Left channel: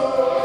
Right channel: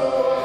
Yeah.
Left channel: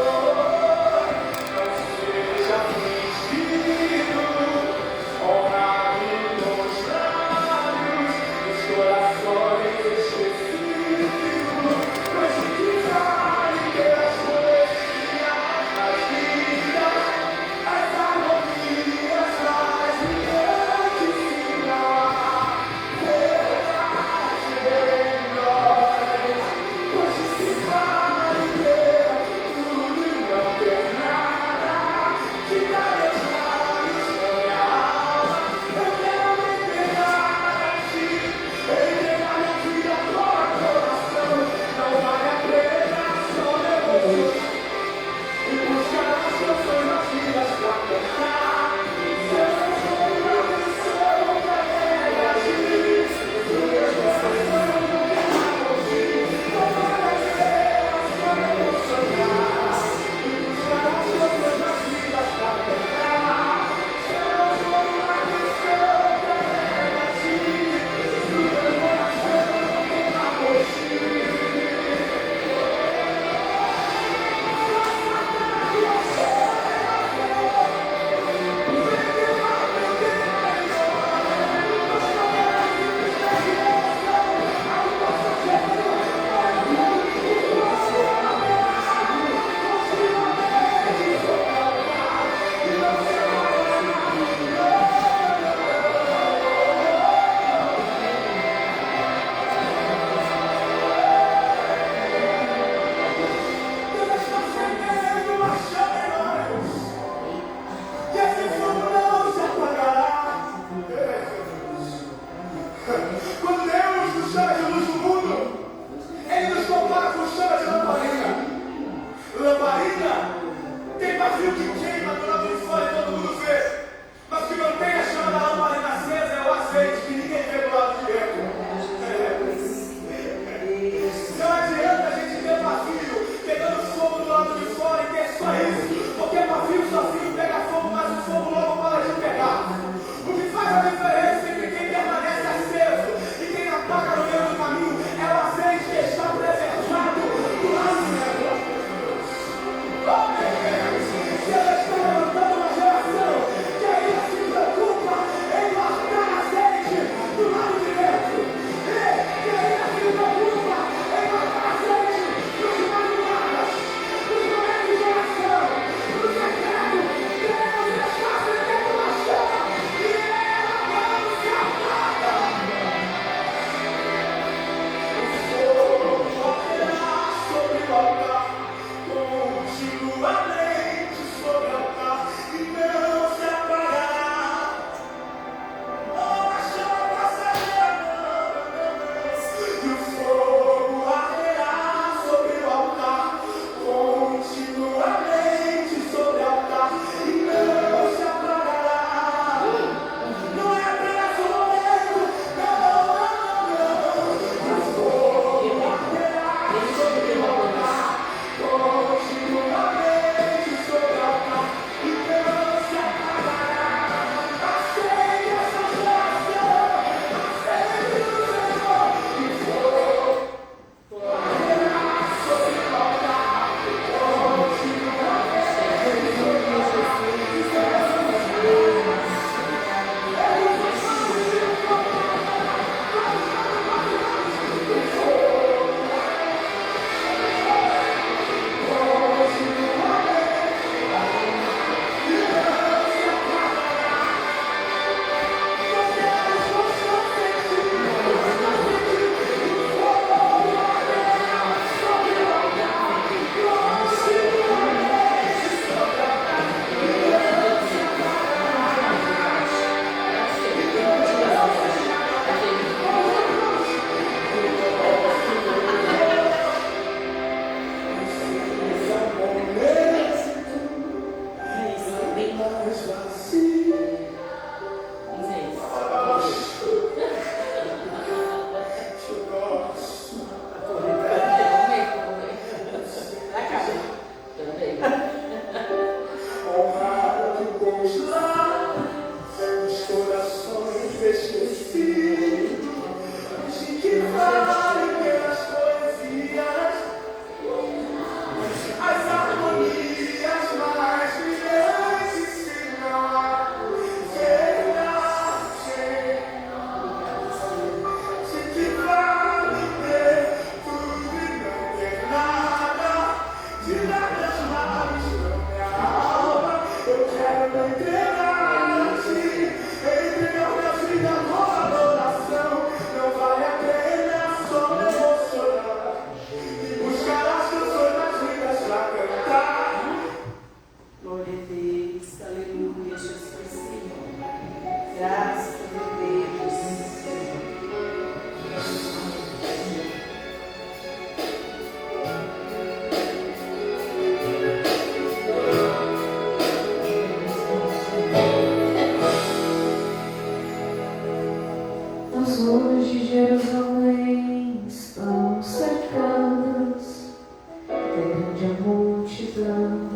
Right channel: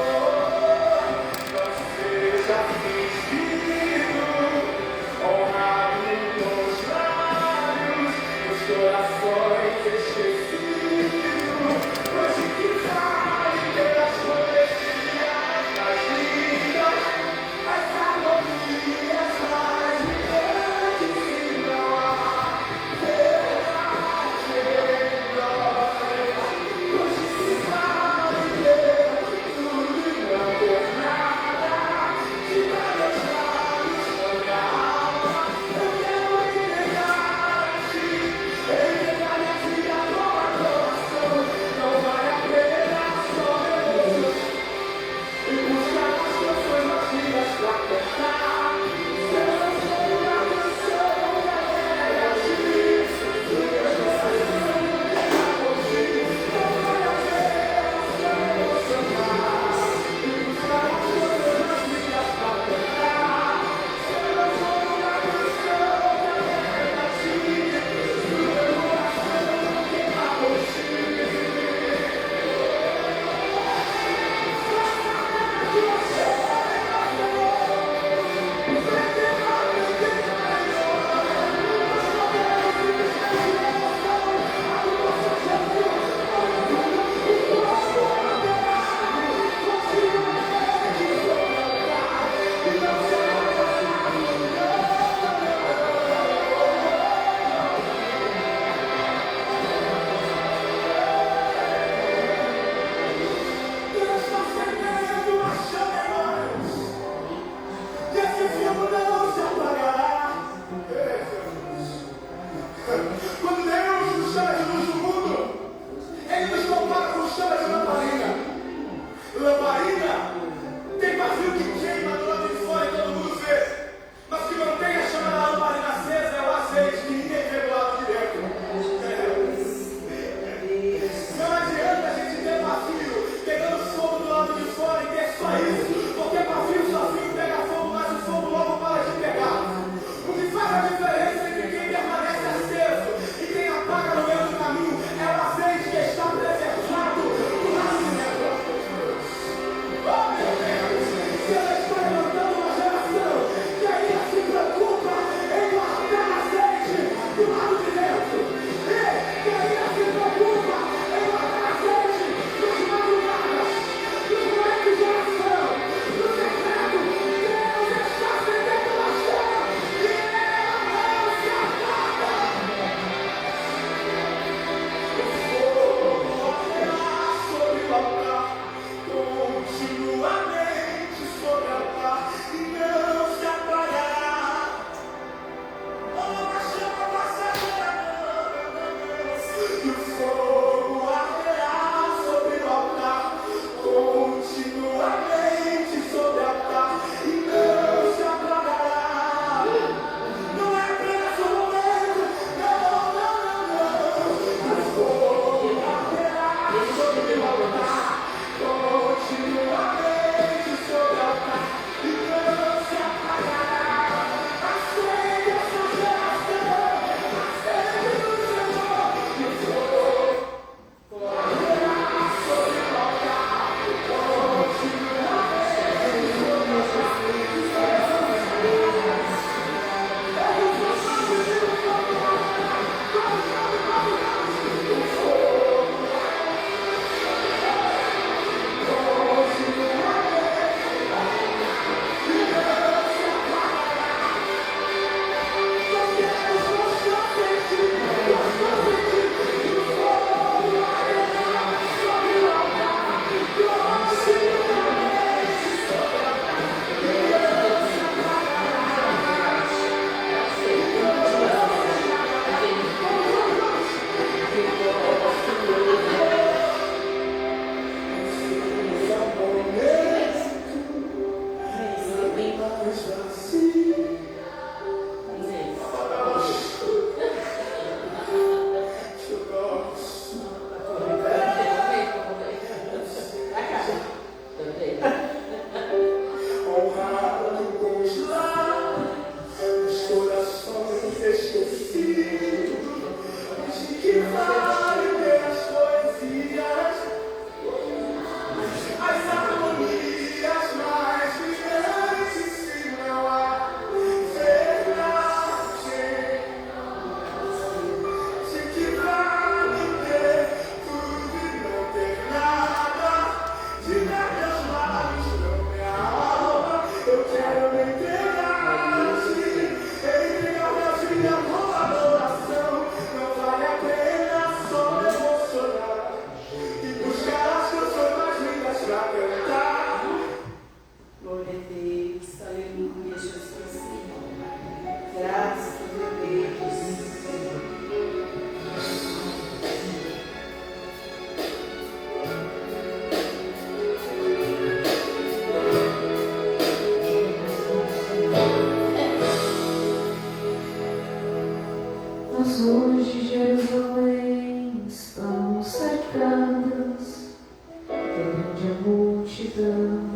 multidão.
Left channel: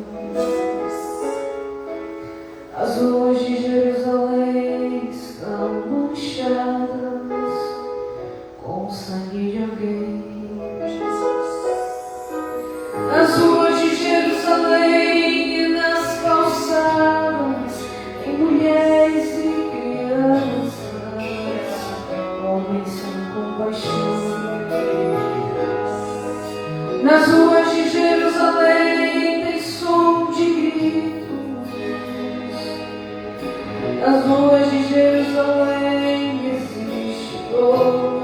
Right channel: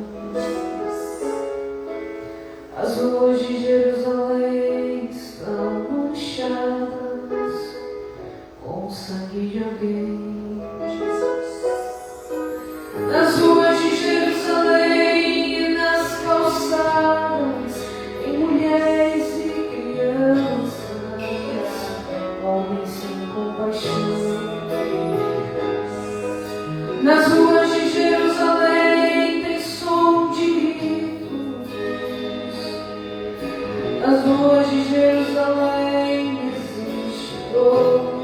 As ruas de Jerusalém estão manchadas com o sangue de alguém. Nas ruas de Jerusalém e nas calçadas tem mulheres e crianças, homens sem compaixão. Nas ruas de Jerusalém tem som de gritos. Nas ruas de Jerusalém existe dor.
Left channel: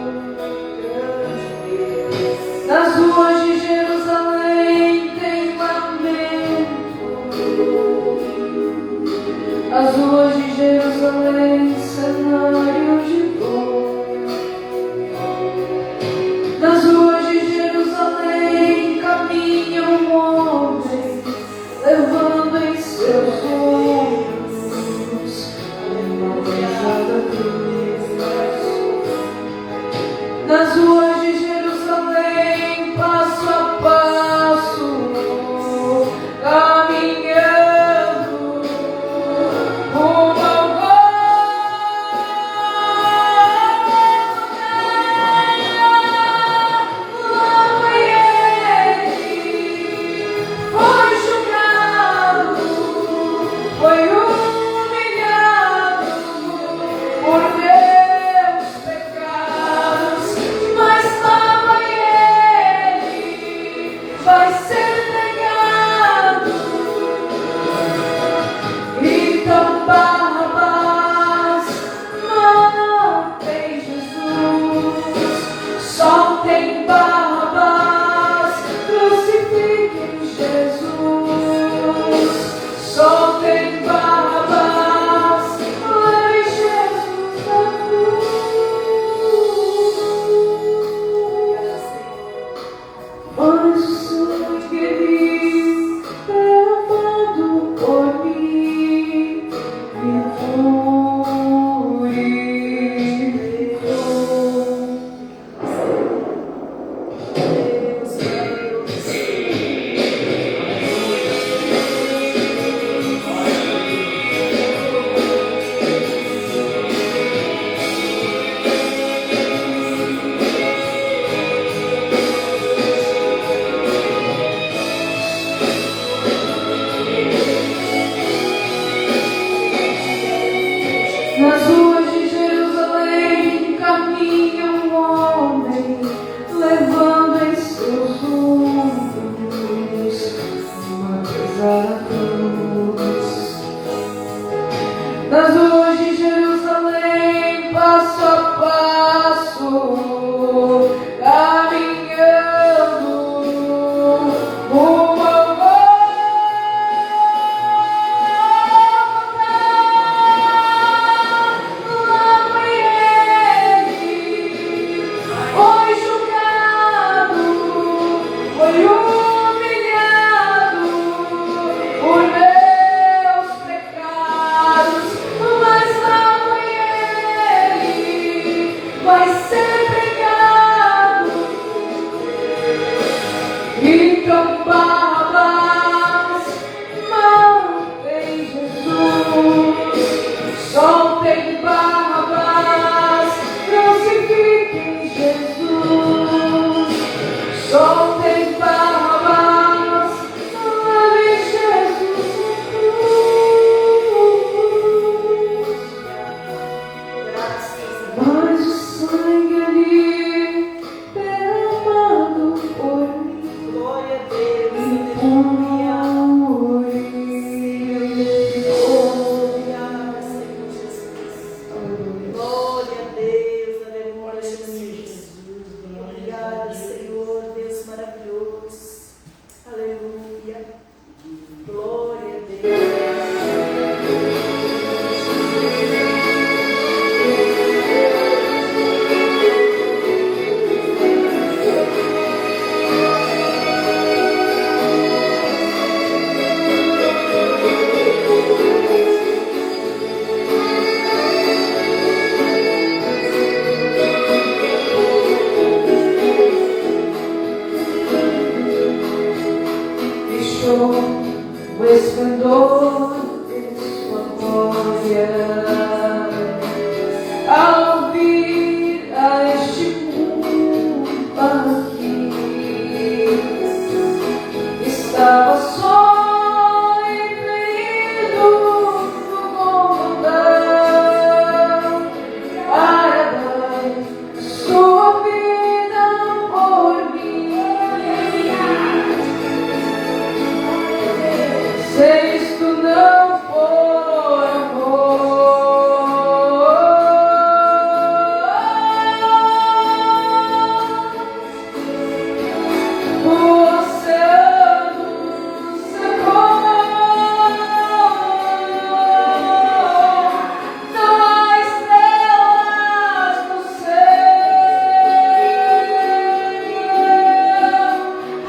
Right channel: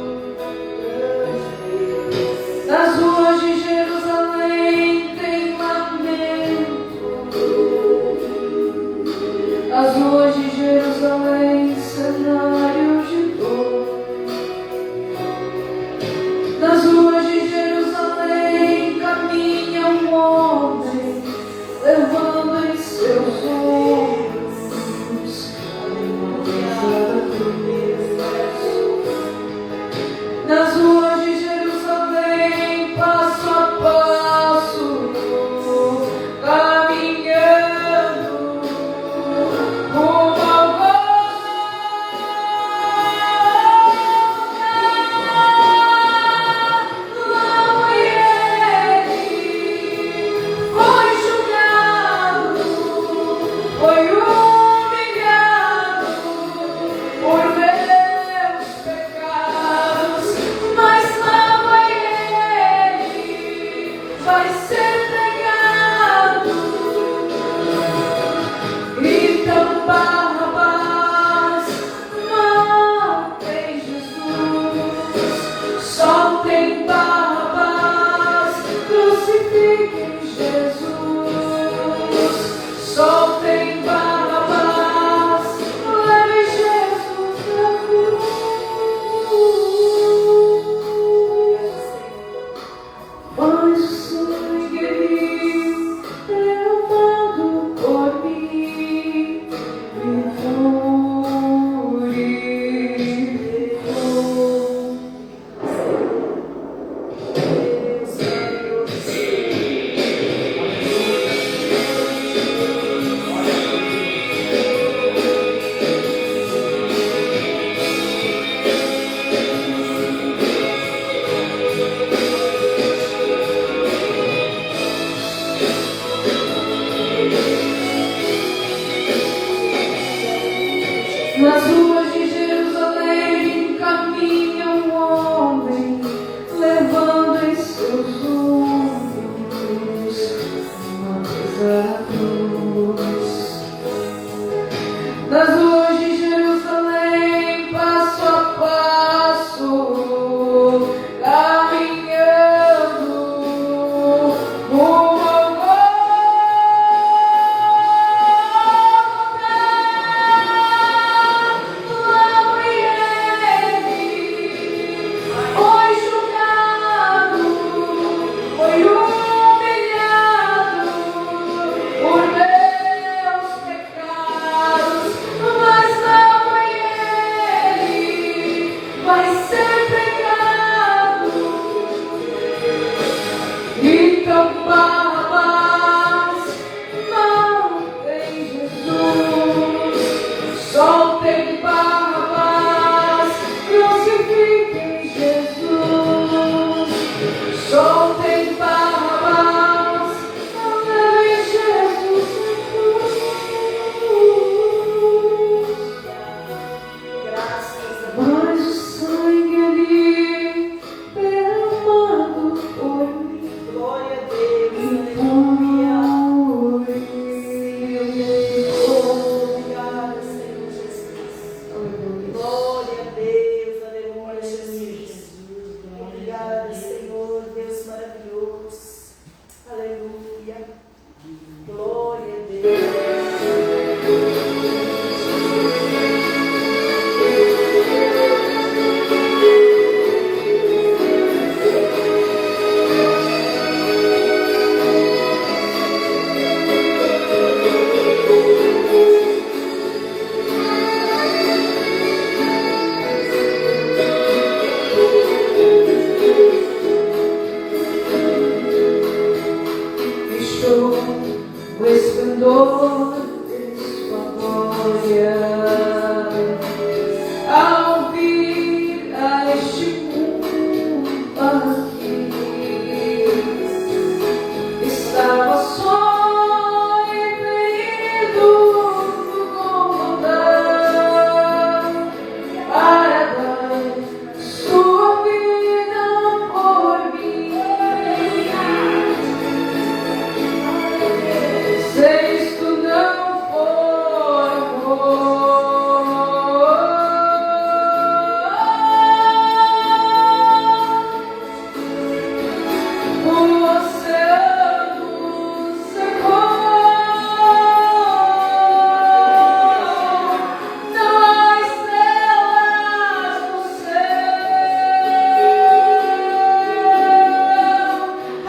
Nas ruas de Jerusalém tem lamento. As ruas de Jerusalém, cenário de dor. Nas ruas de Jerusalém caminha um homem, levando em seus ombros uma pesada cruz. Nas ruas de Jerusalém, passo a passo, caminhando rumo ao logo ele foi julgado, foi humilhado por meus pecados, mas nada ele vai ser negado. Então Barrabás, matem Jesus, soltem Barrabás, crucifiquem Jesus, soltem Barrabás, levem Jesus à cruz. Mas o sangue derramado por mim me purificou. Nas ruas de Jerusalém caminha um homem, levando em seus ombros uma pesada cruz. Nas ruas de Jerusalém, passo a passo, caminhando rumo ao logo ele foi julgado, foi humilhado o esplendor de sua glória. Ao vir a este mundo aqui, estava só e ferido no condão. Para dar sua vida por mim. Se isto não for amor, o oceano secou, não há estrelas no céu,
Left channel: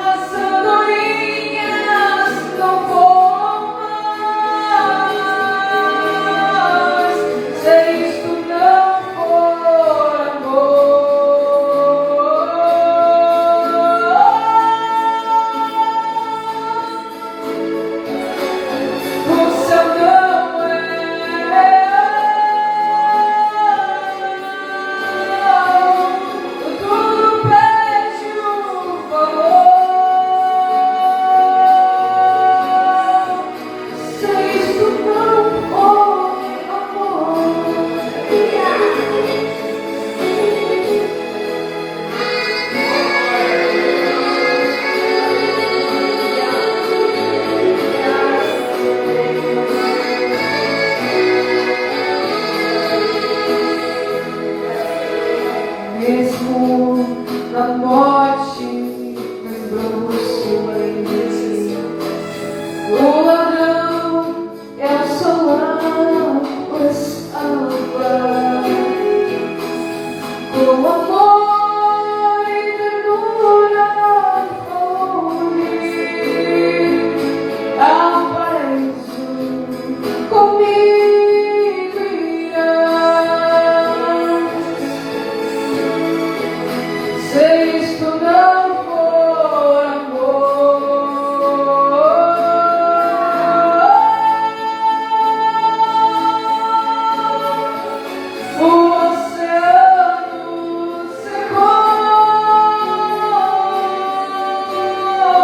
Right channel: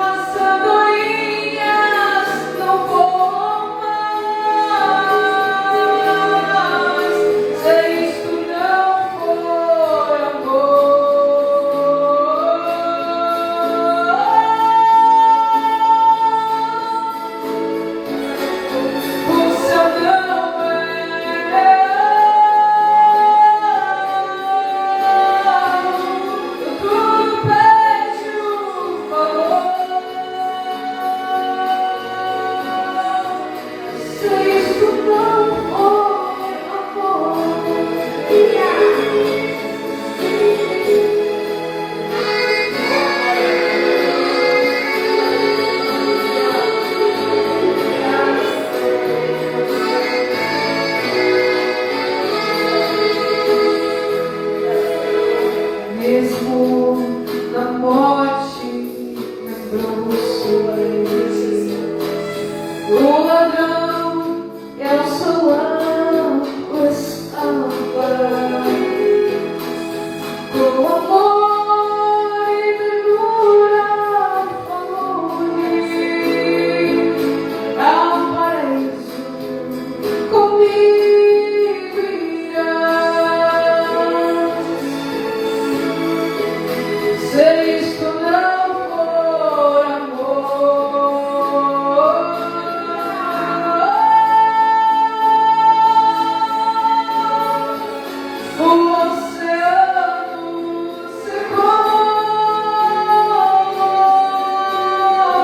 as andorinhas não voam mais, se isto não for amor. O céu não é real, tudo perde o valor. Se isto não for amor, mesmo na morte, lembrou-se o ladrão e ao seu lado estava, com amor e ternura falou-lhe, aparece comigo irás. Se isto não for amor, o oceano secou, não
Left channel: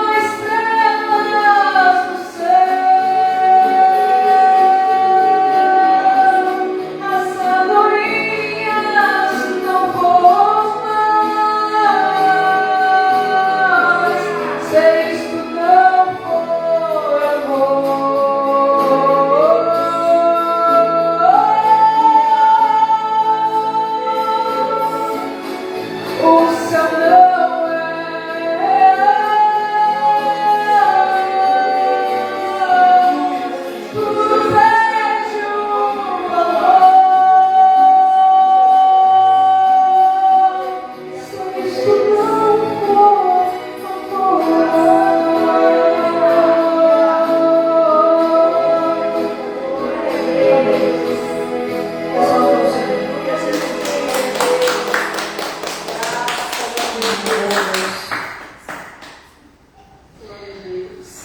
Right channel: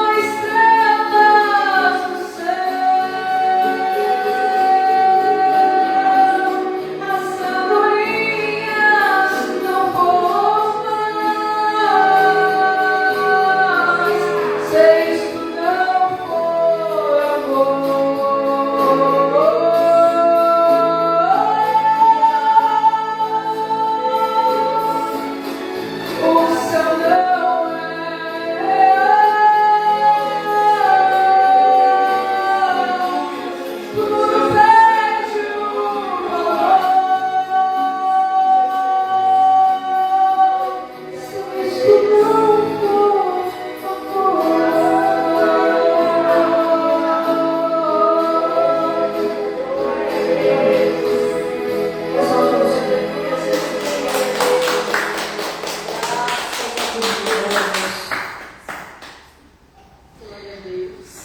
há estrelas no céu, as andorinhas não voam mais, se isto não for amor. O céu não é real, tudo perde o valor. Se isto não for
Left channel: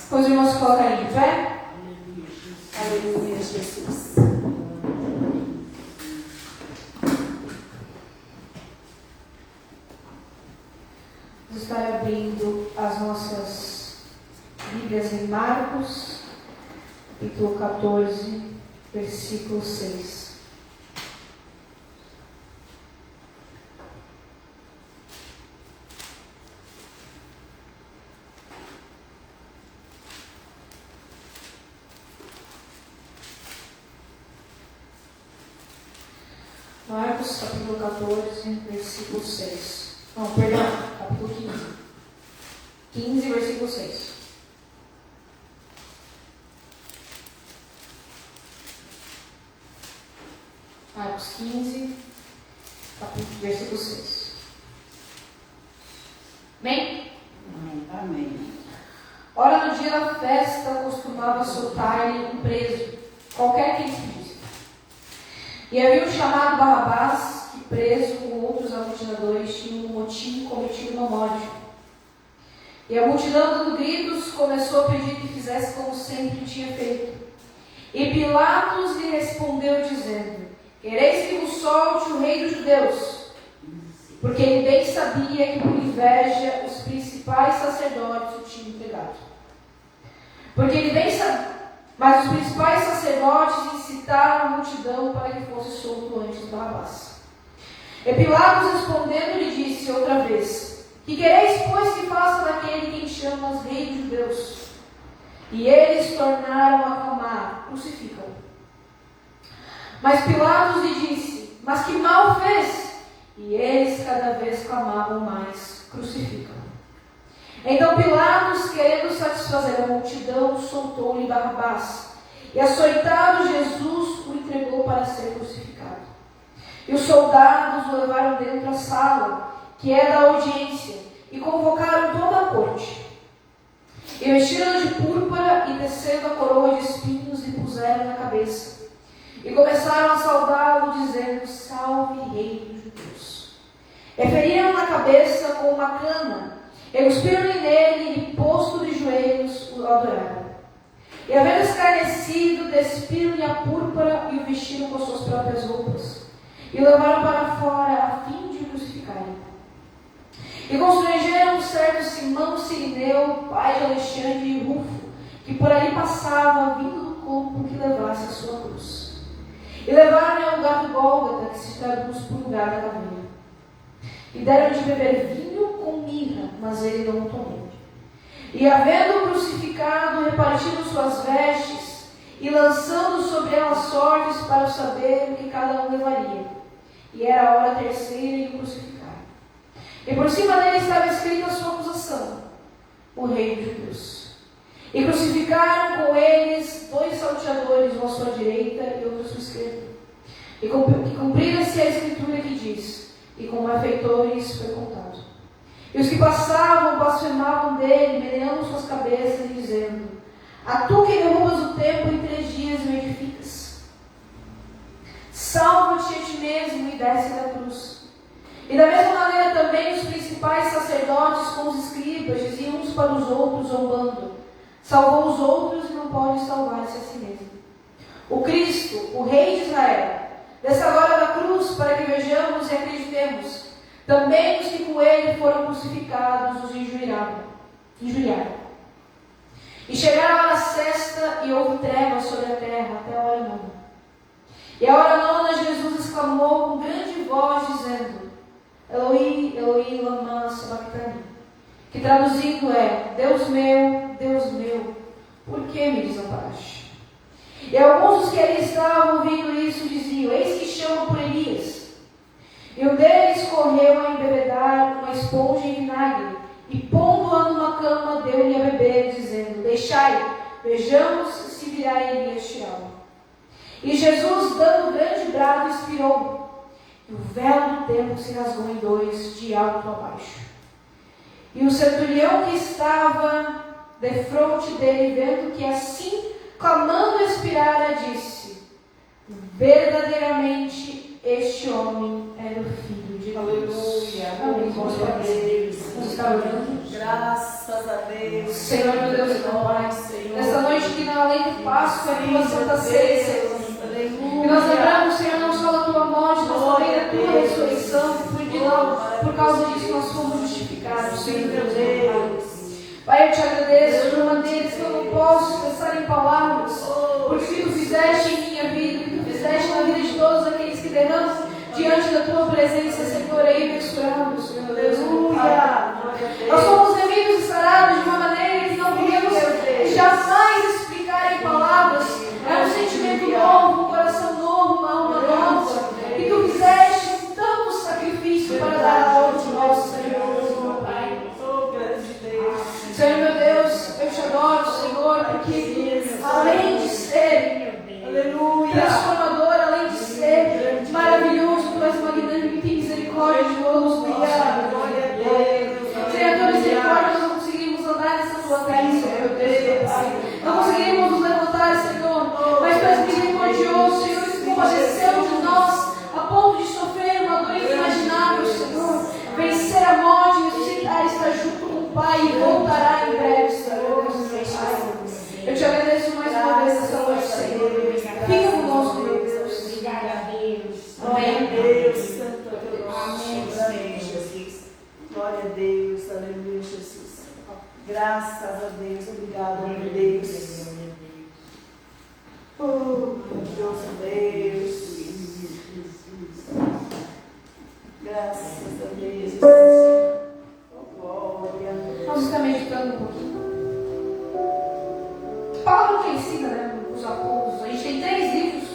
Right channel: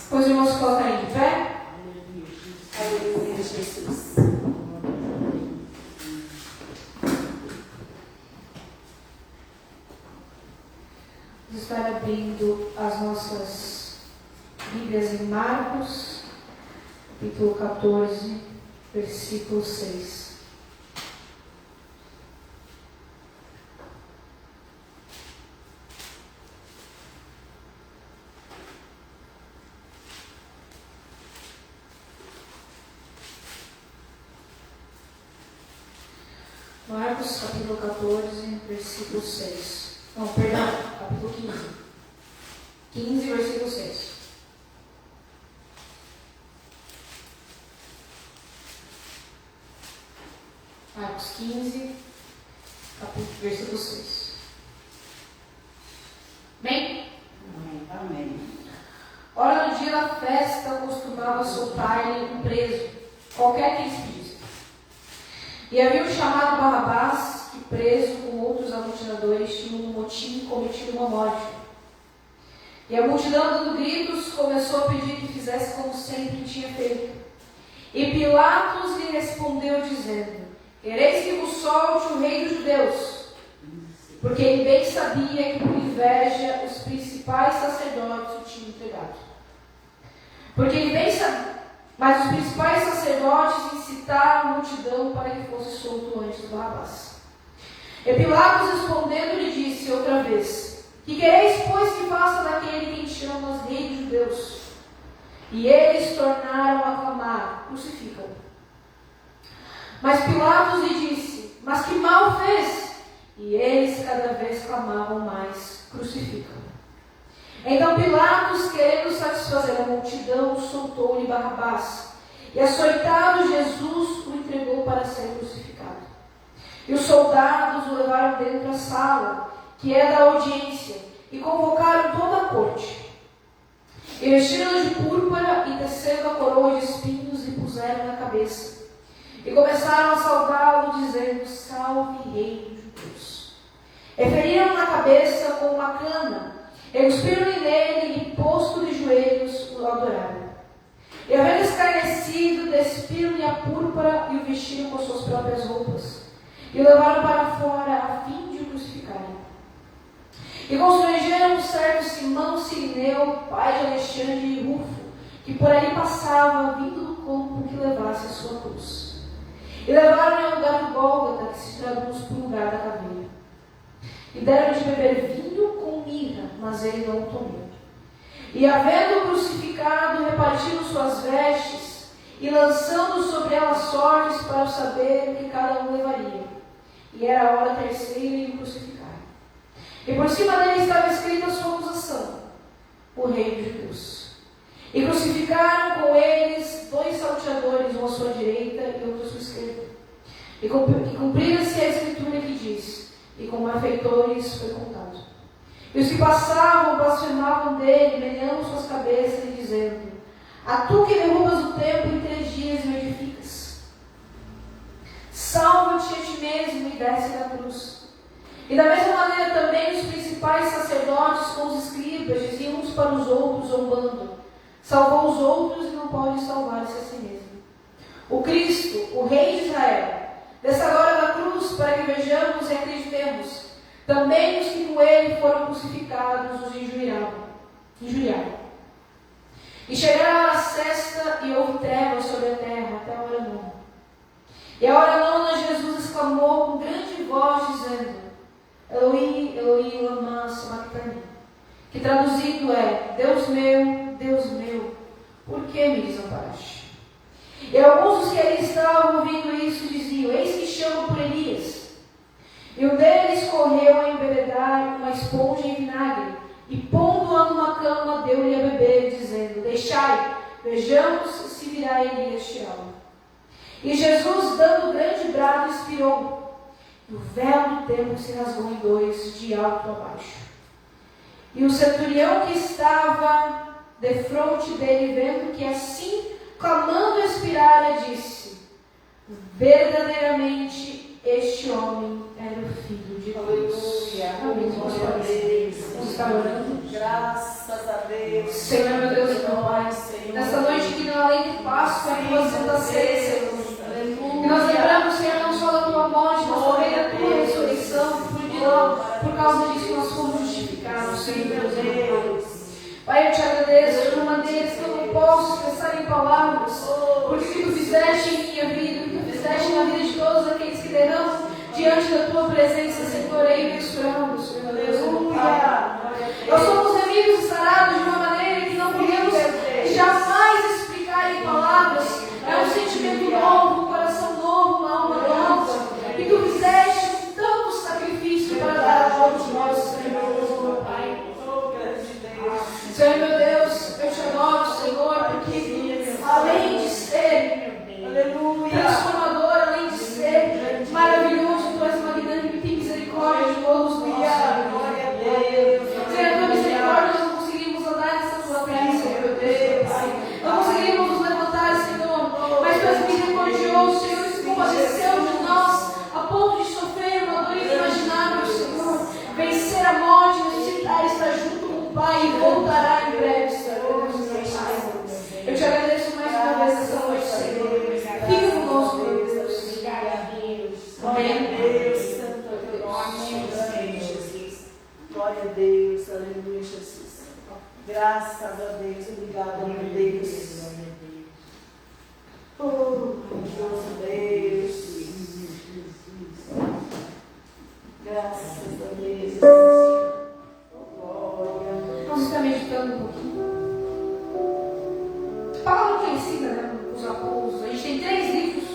Pois irmãos, colocarem de pé. Aleluia, Jesus. Vamos estar abrindo as nossas Bíblias em Marcos, capítulo 14, versículo 6. Marcos, capítulo 14, versículo 6. Não, perdão, capítulo 15. 15, versículo 6. Marcos 15, capítulo, versículo 6. Amém? Amém. Ora, no dia da festa, costumava soltar-lhe um preso, qualquer que lhes pedisse. E haviam chamado Barrabás, que preso com outros amotinadores tinham no motim cometido uma morte. E a multidão, dando gritos, começou a pedir que fizesse como sempre tinha feito. E Pilatos lhe respondeu, dizendo: quereis que vos solte o rei dos judeus? Porque ele bem sabia que por inveja os principais sacerdotes o tinham entregado. Porque ele bem sabia, mas os principais sacerdotes incitaram a multidão para que fosse solto antes de Barrabás. E Pilatos respondendo lhe disse outra vez: que quereis, pois, que faça daquele quem chamas rei dos judeus? E eles tornaram a clamar: crucificam. Mas Pilatos lhe disse: mas que mal fez? E eles cada vez clamavam mais: crucificam. Então Pilatos, querendo satisfazer a multidão, soltou-lhe Barrabás. E açoitado Jesus o entregou para ser crucificado. E os soldados o levaram dentro da sala, que era a audiência, e convocaram toda a corte. E vestiram-no de púrpura e tecendo a coroa de espinhos lhe puseram na cabeça. E começaram a saudá-lo, dizendo: salve, rei dos judeus. E feriram na cabeça com uma cana, e cuspiram-lhe nele, e posto de joelhos o adoraram. E havendo escarnecido, despiram-lhe a púrpura e o vestiram com suas próprias roupas. E o levaram para fora a fim de o crucificarem. E constrangeram um certo Simão Cirineu, pai de Alexandre e Rufo, que por ali passava, vindo do campo que levasse a sua cruz. E levaram-no ao lugar do Gólgota, que se traduz por lugar da caveira. E deram de beber vinho com mirra, mas ele não tomou. E havendo crucificado, repartiram suas vestes, e lançando sobre elas sortes para saber o que cada um levaria. E era a hora terceira e o crucificaram. E por cima dele estava escrita a sua acusação: o rei dos judeus. E crucificaram com eles 2 salteadores, um à sua direita e outro à sua esquerda. E cumpria-se a escritura que diz: e com malfeitores foi contado. E os que passavam blasfemavam dele, meneando suas cabeças e dizendo: a tu que derrubas o templo em 3 dias e o edificas, salva-te a ti mesmo e desce da cruz. E da mesma maneira também os principais sacerdotes com os escribas diziam uns para os outros, zombando: salvou os outros e não pode salvar-se a si mesmo. O Cristo, o Rei de Israel, desce agora da cruz para que vejamos e acreditemos. Também os que com ele foram crucificados os injuriaram. E chegaram à hora sexta e houve trevas sobre a terra até a hora nona. E a hora nona Jesus exclamou com grande voz, dizendo: Eloi, Eloi, lama sabachthani, que traduzido é: Deus meu, por que me desamparaste? E alguns dos que ali estavam ouvindo isso diziam: eis que chamam por Elias. E um deles correu a embebedar uma esponja em vinagre, e pondo-a numa cama, deu-lhe a beber, dizendo: deixai, vejamos se virá Elias tirá-lo. E Jesus, dando grande brado, expirou. E o véu do templo se rasgou em 2, de alto a baixo. E o centurião que estava defronte dele, vendo que assim, clamando expirara, disse: verdadeiramente este homem era o Filho de Deus. Aleluia. Amém. Glória a Deus. Vamos estar orando. Graças a Deus. Senhor, meu Deus e meu Pai, nesta noite que não além de Páscoa, a tua Santa Ceia, Senhor. E nós lembramos, Senhor, não só da tua morte, mas também da tua ressurreição, por causa disso nós fomos justificados, Senhor, meu Deus. Pai, eu te agradeço de uma maneira que eu não posso expressar em palavras, porque tu fizeste em minha vida, tu fizeste na vida de todos aqueles que derramam diante da tua presença, Senhor, é imensurável, Senhor, meu Deus, Pai. Nós somos remidos e sarados de uma maneira que não podemos jamais explicar em palavras. É um sentimento novo, um coração novo, uma alma nova, que tu fizeste com tanto sacrifício para dar a todos nós, Senhor, Pai. Senhor, meu Deus, eu te adoro, Senhor, porque além de ser transformador, além de ser maravilhoso, tu és magnânimo e tem misericórdia de todos nós. Senhor, a tua misericórdia, nós não conseguimos andar nessa tua bênção, meu Deus, Pai. Não conseguimos nos levantar, Senhor, mas tu és misericordioso, Senhor, que se compadeceu de nós a ponto de sofrer uma dor inimaginável, Senhor, vencer a morte, ressuscitar, estar junto com o Pai e voltar a Deus. Obrigada, meu Deus. Oh, glorioso Deus. Graças a Deus. Oh, glória. Nós estamos meditando um pouquinho. A palavra conhecida, né? Os apóstolos. A gente tem 3 livros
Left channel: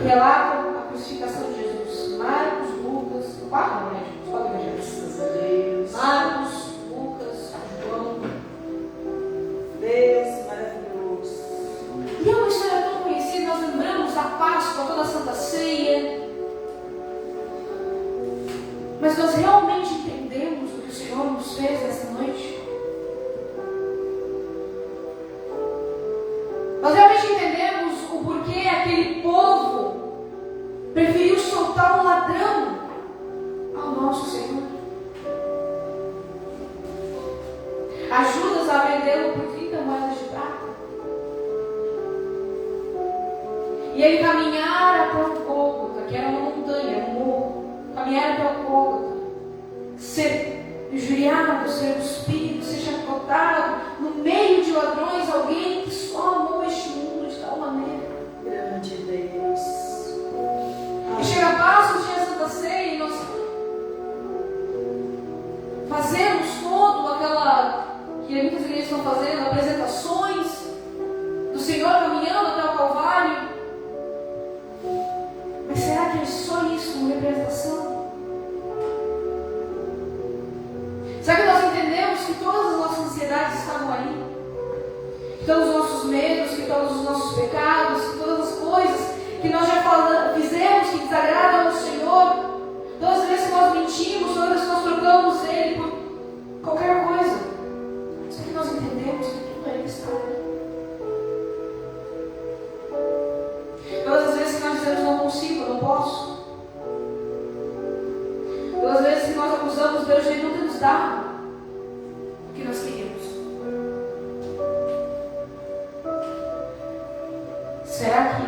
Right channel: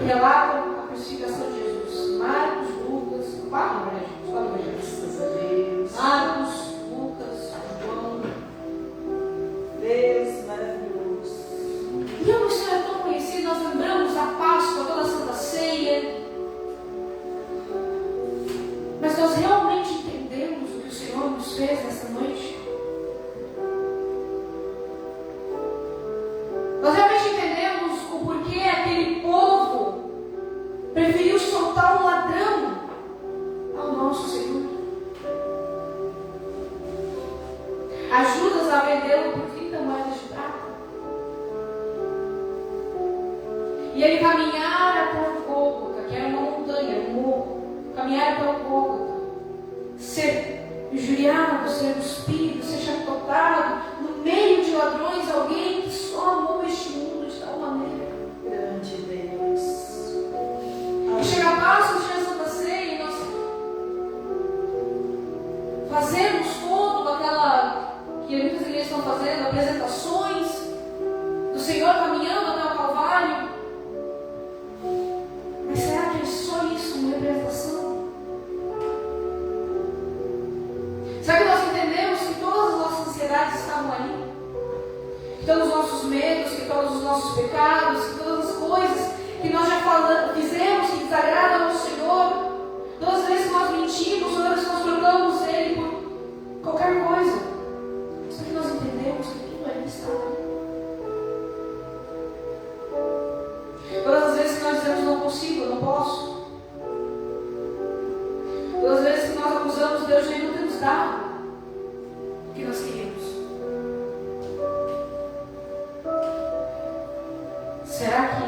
que relatam a crucificação de Jesus: Marcos, Lucas, 4 evangelhos. Graças a Deus. Marcos, Lucas, João. Deus maravilhoso. E é uma história tão conhecida. Nós lembramos da Páscoa, toda a Santa Ceia. Mas nós realmente entendemos o que o Senhor nos fez nessa noite? Nós realmente entendemos o porquê aquele povo preferiu soltar um ladrão ao nosso Senhor? Judas a vendê-lo por 30 moedas de prata. E ele caminhara até o Gólgota, que era uma montanha, era um morro. Caminhar até o Gólgota, ser injuriado, ser cuspido, ser chacotado, no meio de ladrões, alguém que só amou este mundo de tal maneira. Grande Deus. E chega a Páscoa, tinha a Santa Ceia, e nós fazemos todo aquela que muitas igrejas estão fazendo, apresentações do Senhor caminhando até o Calvário. Mas será que é só isso, uma representação? Será que nós entendemos que todas as nossas ansiedades estavam ali? Que todos os nossos medos, que todos os nossos pecados, que todas as coisas que nós já fizemos que desagradam ao Senhor, todas as vezes que nós mentimos, todas as vezes que nós trocamos Ele por qualquer coisa, será que nós entendemos que tudo ali está ali? Todas as vezes que nós dizemos não consigo, não posso. Todas as vezes que nós acusamos Deus de não ter nos dado o que nós queríamos. Será que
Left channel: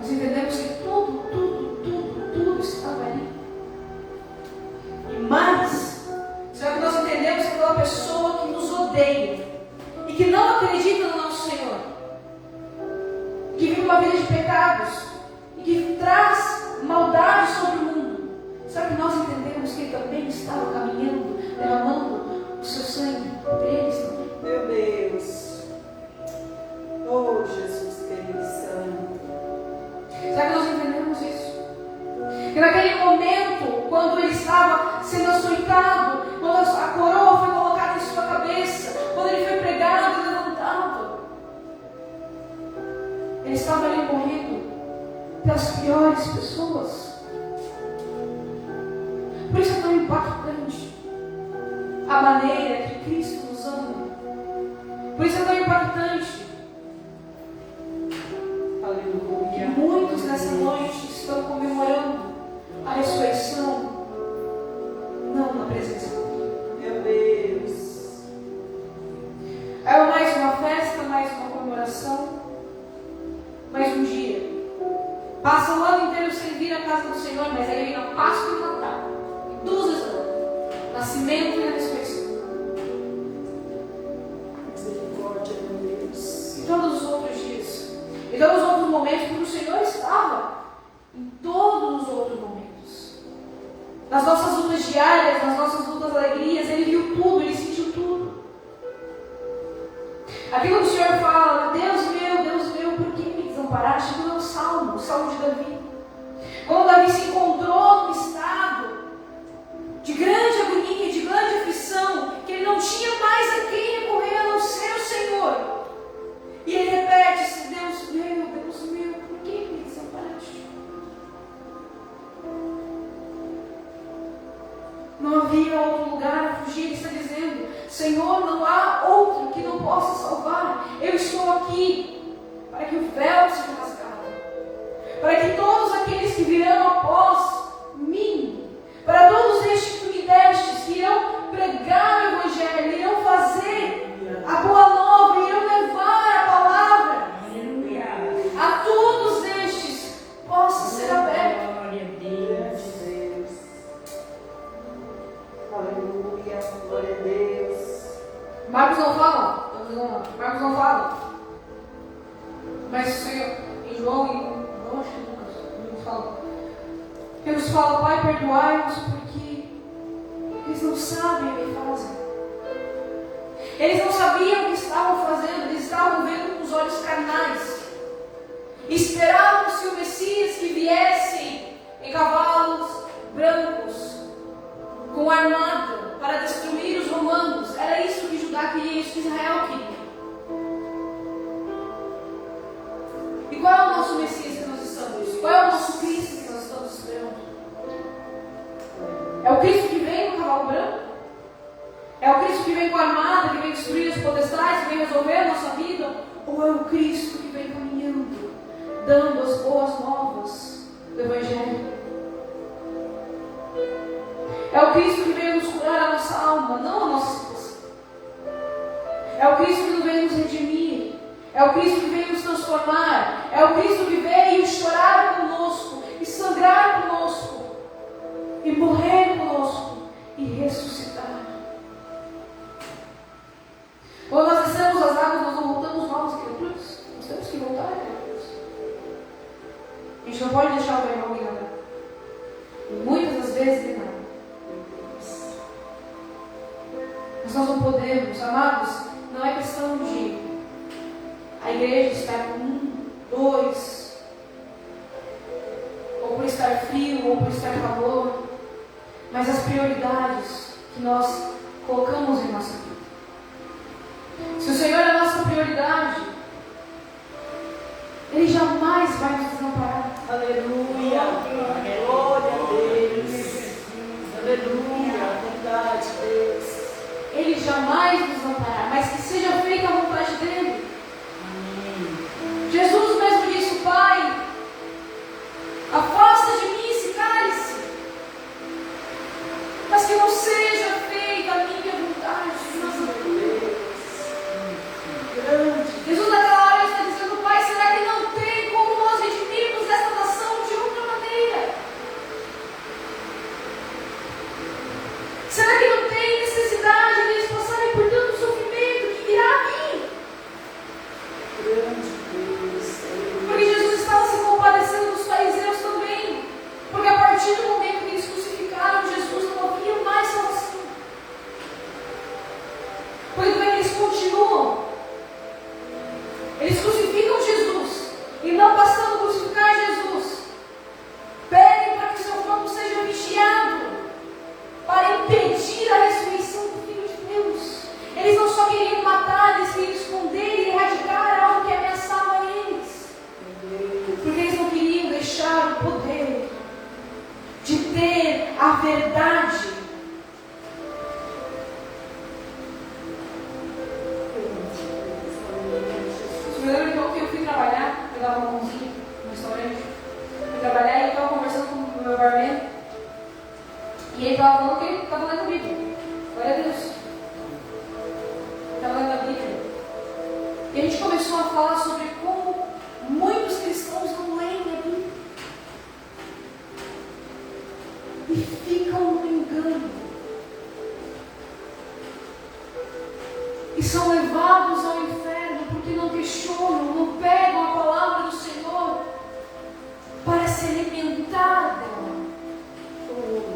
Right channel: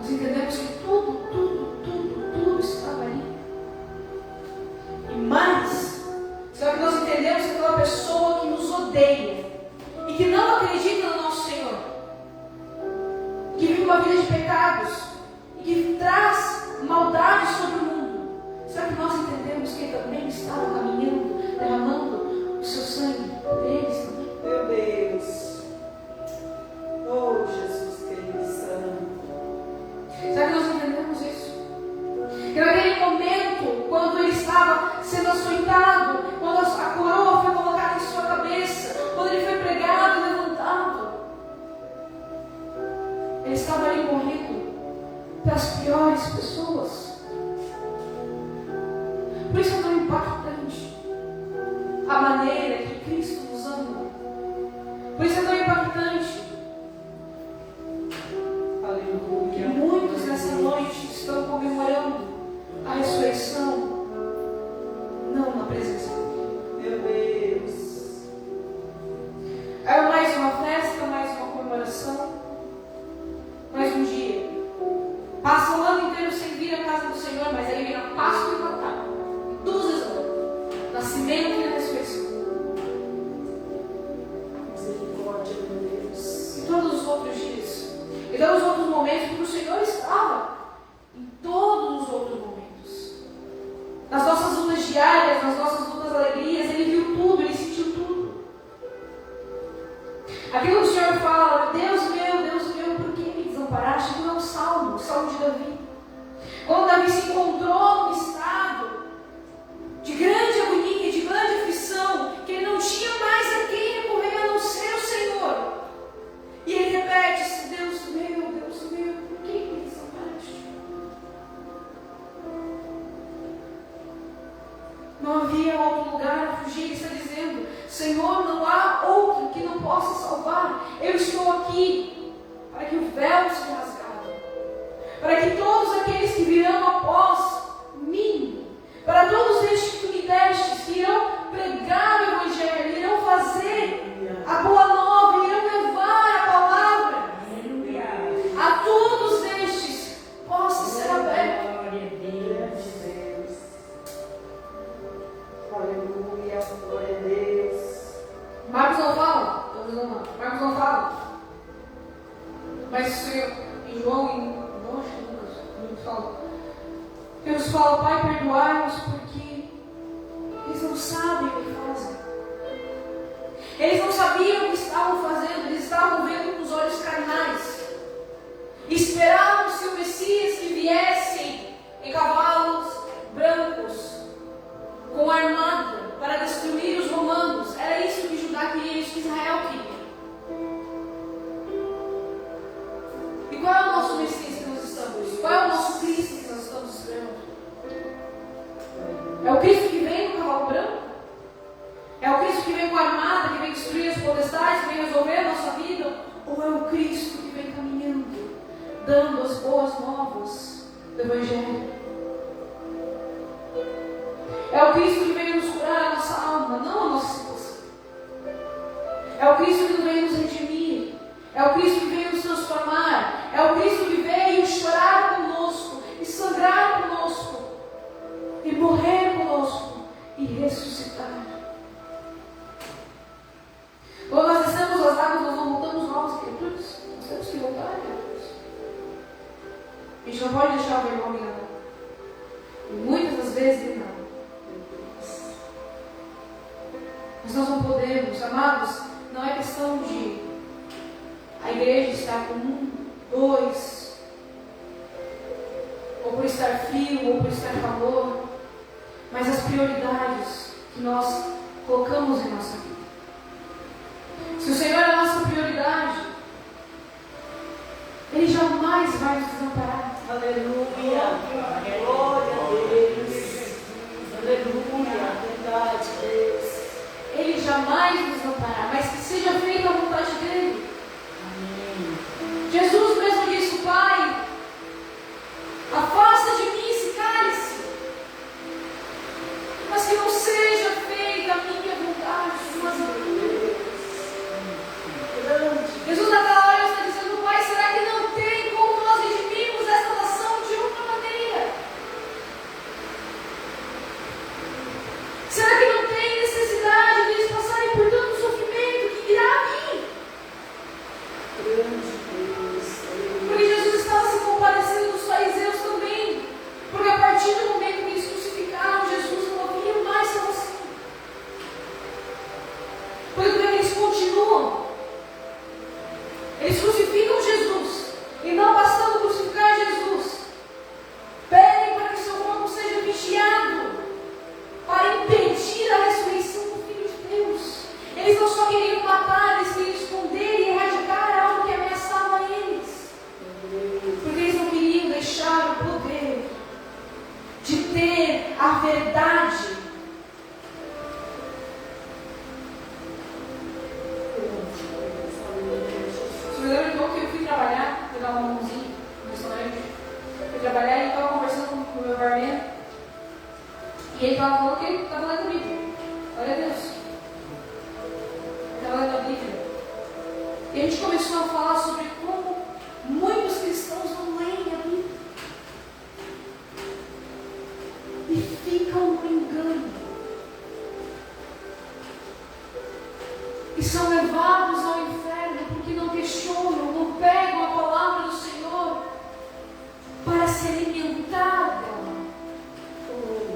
nós entendemos que tudo estava ali? E mais, será que nós entendemos que aquela pessoa que nos odeia e que não acredita no nosso Senhor, que vive uma vida de pecados e que traz maldade sobre o mundo, será que nós entendemos que Ele também estava caminhando, derramando o seu sangue por eles também? Meu Deus. Oh, Jesus querido santo. Será que nós entendemos isso? Que naquele momento, quando Ele estava sendo açoitado, quando a coroa foi colocada em sua cabeça, quando Ele foi pregado e levantado, Ele estava ali morrendo pelas piores pessoas. Por isso é tão impactante a maneira que Cristo nos ama. Por isso é tão impactante que muitos nessa noite estão comemorando a ressurreição, não na presença dele. Meu Deus. Era mais uma festa, mais uma comemoração, mais um dia. Passa o ano inteiro sem vir à casa do Senhor, mas aí vem a Páscoa e o Natal. 2 vezes ao ano. Nascimento e a ressurreição. Misericórdia, meu Deus. E todos os outros dias. E todos os outros momentos que o Senhor estava. Em todos os outros momentos. Nas nossas lutas diárias, nas nossas lutas alegrias, Ele viu tudo, Ele sentiu tudo. Aquilo que o Senhor fala, Deus meu, por que me desamparaste? Aquilo é um salmo, o salmo de Davi. Quando Davi se encontrou num estado de grande agonia, de grande aflição, que ele não tinha mais a quem recorrer a não ser o Senhor. E ele repete: Deus meu, por que me desamparaste? Não havia outro lugar a fugir. Ele está dizendo: Senhor, não há outro que não possa salvar. Eu estou aqui para que o véu seja rasgado, para que todos aqueles que virão após mim, para todos estes que tu me destes, que irão pregar o Evangelho, irão fazer a boa nova, irão levar a palavra, a todos estes possa ser aberto. Glória a Deus. Aleluia. Glória a Deus. Mas o Senhor, em João e Lucas fala, Deus fala, Pai, perdoai-nos porque eles não sabem o que fazem. Eles não sabiam o que estavam fazendo, eles estavam vendo com os olhos carnais. Esperavam-se o Messias que viesse em cavalos brancos, com armada, para destruir os romanos. Era isso que Judá queria, isso que Israel queria. E qual é o nosso Messias que nós estamos? Qual é o nosso Cristo que nós estamos esperando? É o Cristo que vem no cavalo branco? É o Cristo que vem com a armada, que vem destruir as potestades, que vem resolver a nossa vida? Ou é o Cristo que vem caminhando, dando as boas novas do Evangelho? É o Cristo que veio nos curar a nossa alma, não a nossa situação. É o Cristo que veio nos redimir. É o Cristo que veio nos transformar. É o Cristo que veio chorar conosco, e sangrar conosco, e morrer conosco, e ressuscitar. Quando nós descemos as águas, nós não voltamos novas criaturas. Nós temos que voltar criaturas. A gente não pode deixar o vergonha enganar. E muitas das vezes engana. Mas nós não podemos, amados, não é questão de a igreja estar com 1, 2, ou por estar frio, ou por estar calor, mas as prioridades que nós colocamos em nossa vida. Se o Senhor é a nossa prioridade, Ele jamais vai nos desamparar. Aleluia. Glória a Deus. Aleluia. Verdade, Deus. Ele jamais nos desamparará, mas que seja feita a vontade dEle. Amém. Jesus mesmo disse, Pai, afasta de mim esse cálice, mas que não seja feita a minha vontade, mas a tua. Jesus naquela hora está dizendo, Pai, será que não tem como nós redimirmos esta nação de outra maneira? Será que não tem necessidade deles passarem por tanto sofrimento que irá a mim? Grande Deus. Porque Jesus estava se compadecendo dos fariseus também. Porque a partir do momento que eles crucificaram Jesus, não havia mais salvação. Porque também eles continuam. Eles crucificam Jesus. E não bastando crucificar Jesus, pedem para que seu corpo seja vigiado, para impedir a ressurreição do Filho de Deus. Eles não só queriam matar, eles queriam esconder e erradicar algo que ameaçava eles. Porque eles não queriam deixar o poder de ter a verdade. Eu lembro então que eu fui trabalhar, eu dava uma mãozinha no restaurante, fui trabalhar e eu estava conversando com o meu barman. E ele estava falando que ele estava lendo a Bíblia. Glória a Deus. Ele estava lendo a Bíblia. E a gente começou a falar sobre como muitos cristãos não leem a Bíblia. E ficam no engano. E são levados ao inferno porque não questionam, não pegam a palavra do Senhor para se alimentar dela.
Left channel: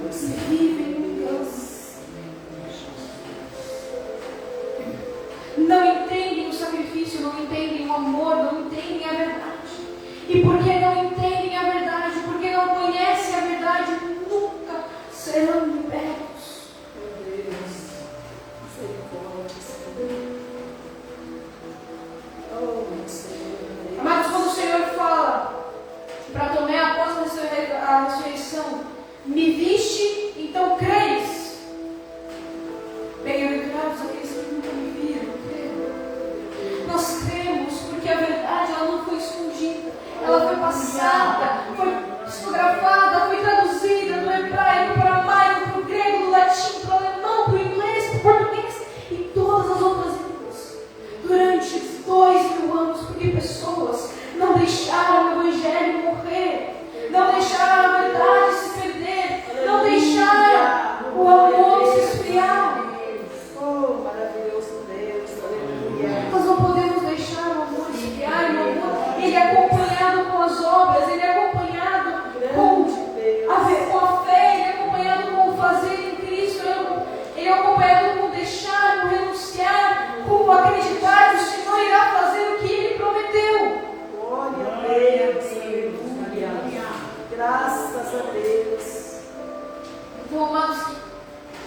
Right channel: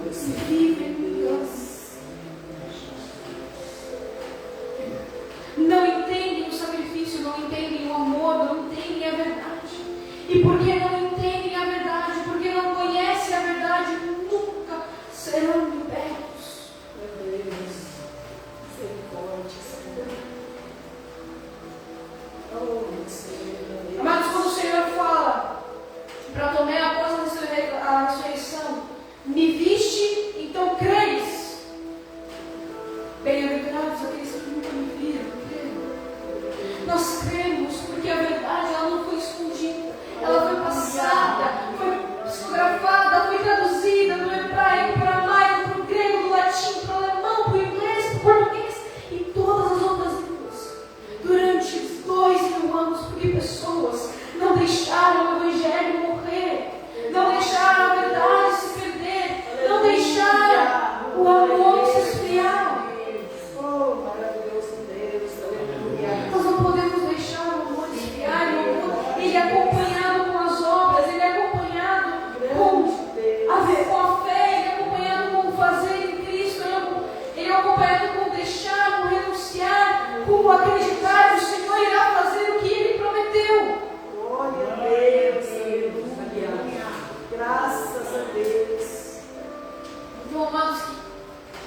E vivem em Deus. Não entendem o sacrifício, não entendem o amor, não entendem a verdade. E porque não entendem a verdade, porque não conhecem a verdade, nunca serão libertos. Meu Deus. Misericórdia, Senhor. Oh, Senhor. Amados, quando o Senhor fala para Tomé após a ressurreição, me viste, então creres. Bem-aventurados aqueles que nunca me viram, creram. Nós cremos porque a verdade ela não foi escondida, ela foi passada, foi psicografada, foi traduzida do hebraico para o aramaico, para o grego, do latim, para o alemão, para o inglês, para o português e todas as outras línguas durante 2000 anos, porque Vamos acreditar que o Senhor irá fazer o que Ele prometeu. Glória a Deus, aleluia. Graças a Deus. Então, amados,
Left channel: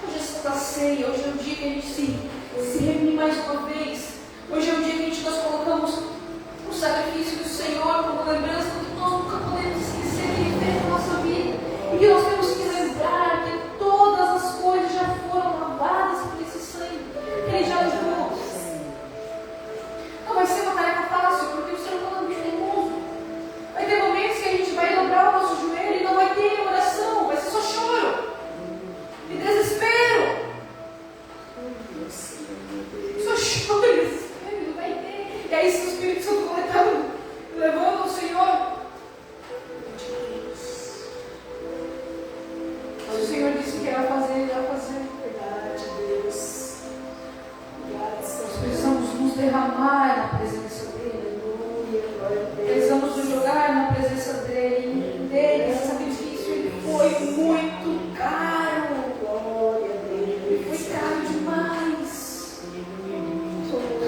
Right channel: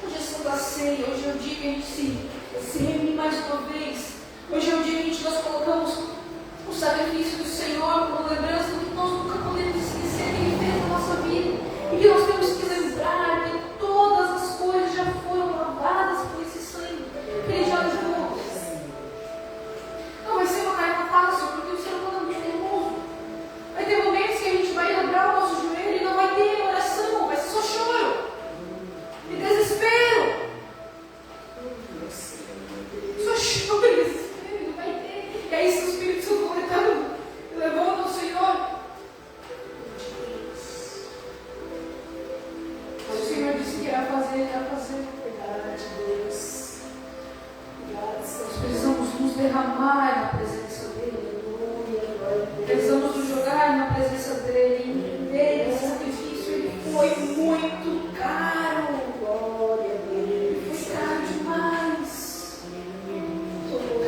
hoje é Santa Ceia, hoje é o dia que a gente se reúne mais uma vez. Hoje é o dia que nós colocamos o sacrifício do Senhor como lembrança do que nós nunca podemos esquecer e viver na nossa vida. E que nós temos que lembrar que todas as coisas já foram lavadas por esse sangue que Ele já lavou. Não vai ser uma tarefa fácil, porque o ser humano é muito teimoso. Vai ter momentos que a gente vai dobrar o nosso joelho e não vai ter oração, vai ser só choro e desespero. Só choro e desespero, não vai ter. E aí, se o Espírito Santo coletando, levando ao Senhor. Mas o Senhor disse que irá fazer, ele irá fazer. Verdade, Deus. Nós precisamos nos derramar na presença dEle. Precisamos nos jogar na presença dEle. Esse sacrifício ele foi muito caro. Glória a Deus. Ele foi caro demais.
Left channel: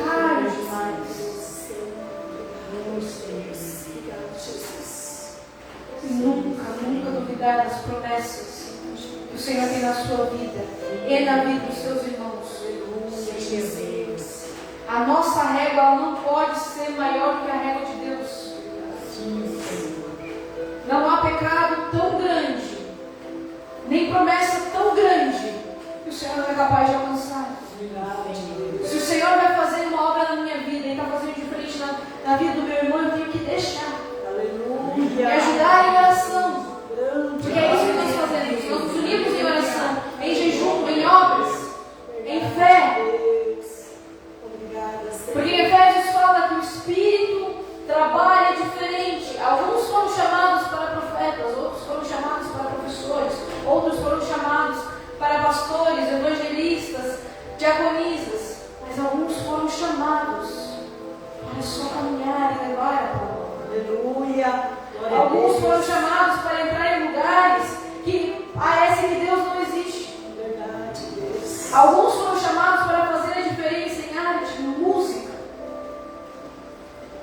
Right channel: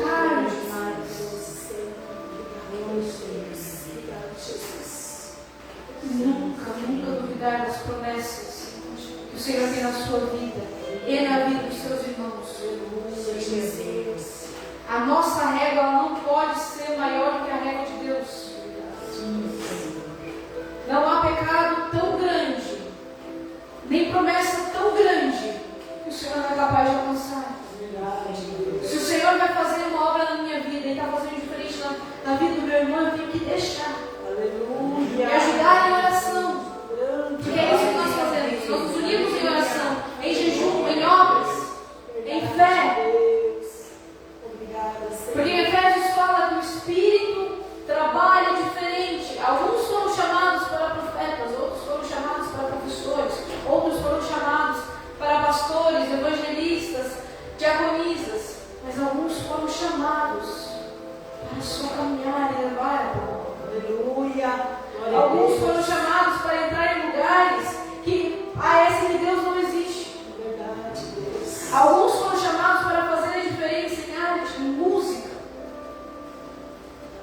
Caro demais. E nunca duvidar das promessas que o Senhor tem na sua vida e na vida dos seus irmãos. Jesus. A nossa régua ela não pode ser maior do que a régua de Deus. Não há pecado tão grande, nem promessa tão grande, que o Senhor não é capaz de alcançar. Se o Senhor vai fazer uma obra na minha vida e está fazendo diferente na vida do meu irmão, eu tenho que deixar. E ajudar em oração. Porque é isso que nós fazemos. Nós nos unimos em oração, em jejum, em obras, em fé. Porque em Efésios fala que o Espírito trabalha diferente. Alguns foram chamados para profetas, outros foram chamados para professores, outros foram chamados para pastores, evangelistas, diaconisas. Mas alguns foram chamados para só caminhar e levar a palavra. Aleluia. Alguns foram chamados para entrar em lugares que a esse Deus não existe. Verdade, Deus. Alguns foram chamados para fazer a diferença em áreas de música.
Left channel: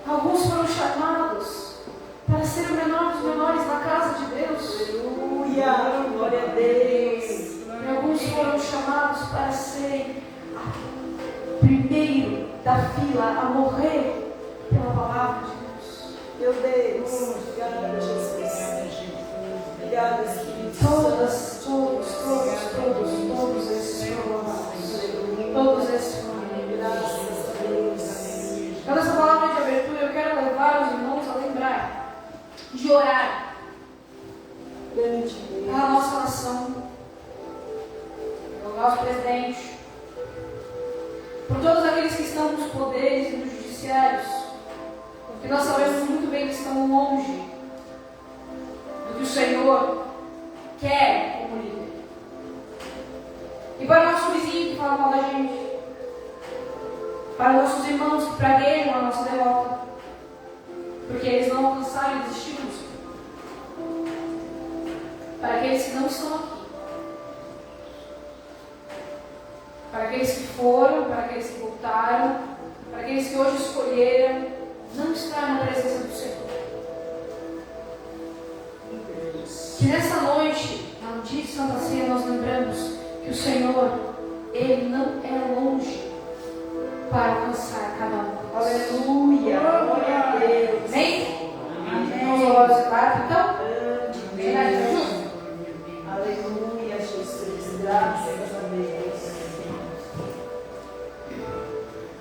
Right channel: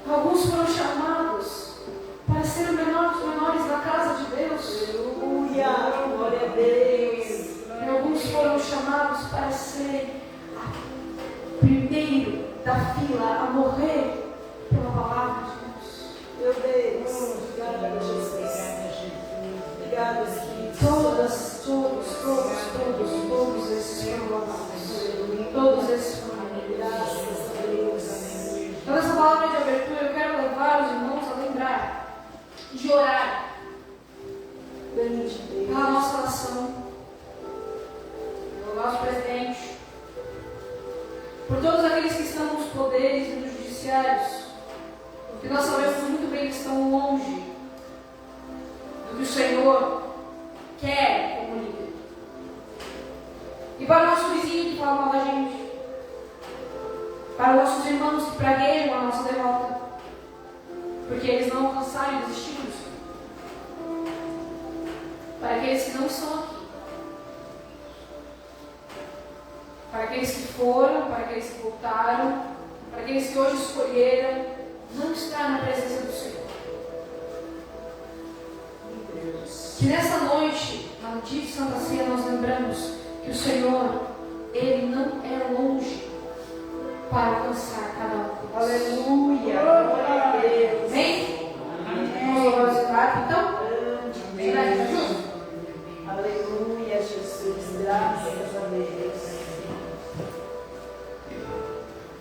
Alguns foram chamados para ser os menores da casa de Deus. Aleluia. Glória a Deus. E alguns foram chamados para serem primeiro da fila a morrer pela palavra de Deus. Meu Deus. Obrigada, Jesus. Obrigada, Espírito. Todos esses foram lavados. Todos esses foram Graças a Deus. Então, nessa palavra de abertura, eu quero levar os irmãos a lembrar de orar Grande Deus. pela nossa nação, pelo nosso presidente, por todos aqueles que estão nos poderes e nos judiciários, porque nós sabemos muito bem que estão longe do que o Senhor quer como líder. E para o nosso vizinho que fala mal da gente, para os nossos irmãos que praguejam a nossa derrota, porque eles não alcançaram e desistiram do Senhor. Para aqueles que não estão aqui, para aqueles que foram, para aqueles que voltaram, para aqueles que hoje escolheram não estar na presença do Senhor. Que nessa noite, no dia de Santa Ceia, nós lembramos que o Senhor, Ele não é longe para alcançar cada um. Aleluia. Glória a Deus. Amém? Vamos orar o Senhor, então? Você vai Amém. junto? Aleluia, Jesus. Graças a Deus.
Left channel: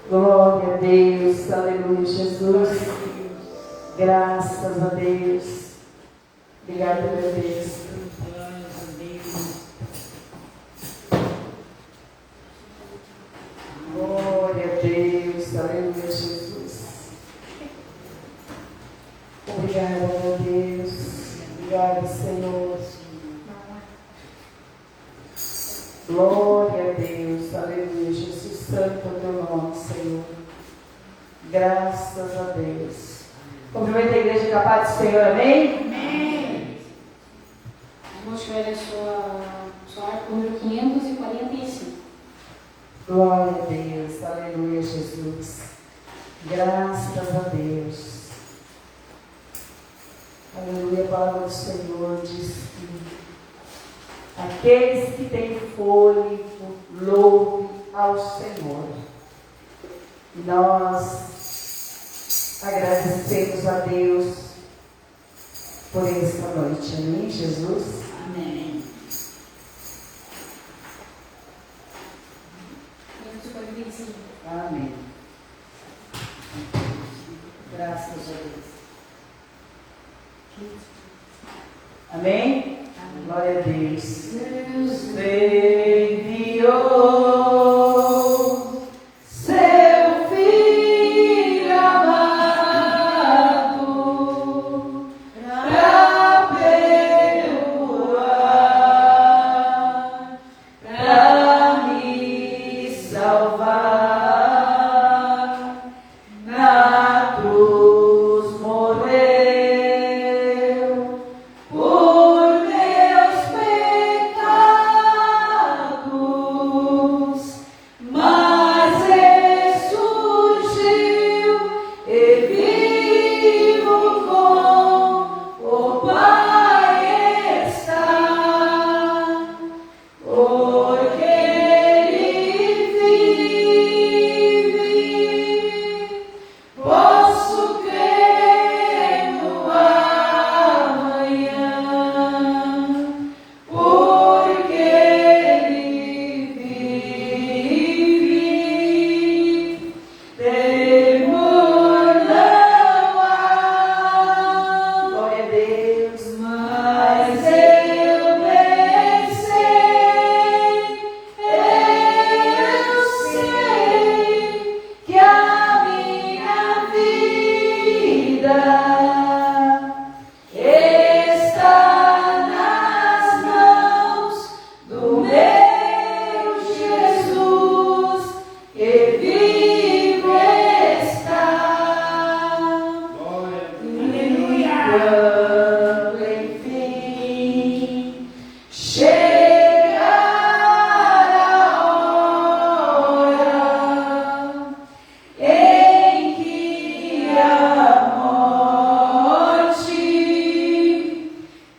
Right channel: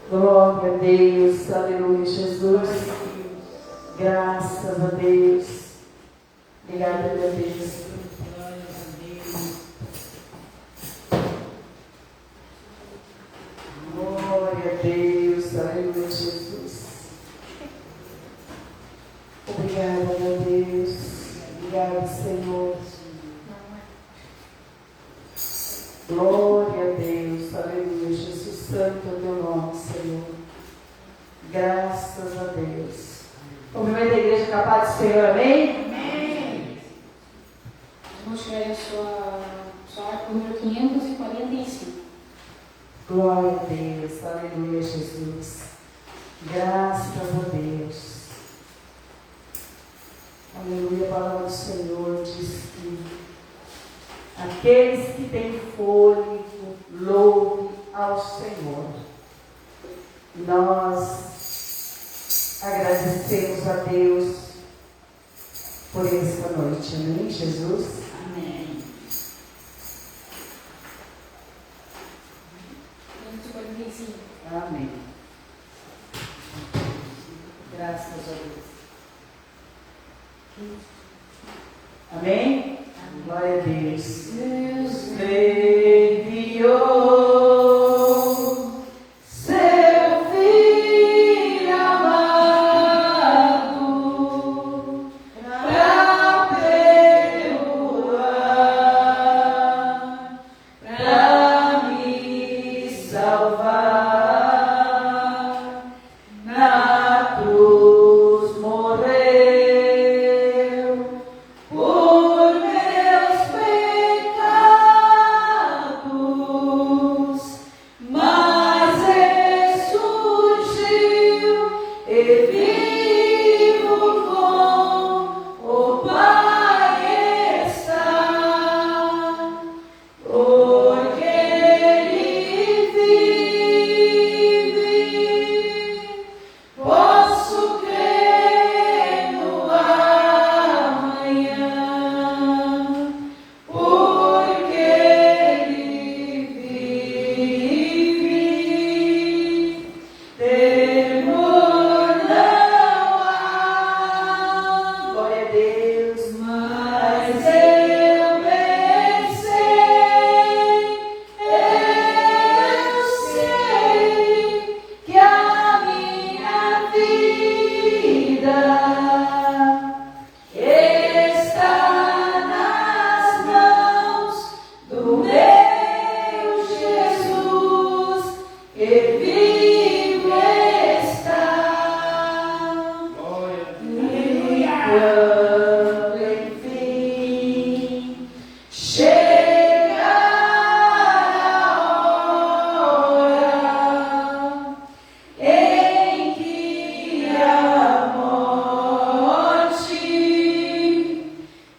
Glória a Deus. Aleluia, Jesus. Graças a Deus. Obrigada, meu Deus. Glória a Deus. Aleluia, Jesus. Obrigada, meu Deus. Obrigada, Senhor. Glória a Deus. Aleluia, Jesus. Santo é o teu nome, Senhor. Graças a Deus. Cumprimento a igreja com a paz do Senhor, amém? Amém. Vamos tirar a sua arco número 545. Glória a Deus, aleluia, Jesus. Graças a Deus. Aleluia, a palavra do Senhor diz que aqueles que têm fôlego, louve ao Senhor. E nós agradecemos a Deus por esta noite. Amém, Jesus? Amém. Amém. Graças a Deus. Amém? Glória a Deus. Deus enviou seu Filho amado para perdoar, para me salvar. Na cruz morreu por meus pecados, mas ressurgiu e vivo com o Pai está, porque Ele vive. Posso crer no amanhã, porque Ele vive. Temor não há, glória a Deus, mas eu pensei, eu sei que a minha vida está nas mãos do meu Jesus, e vivo está. Quando enfim chegar a hora em que a morte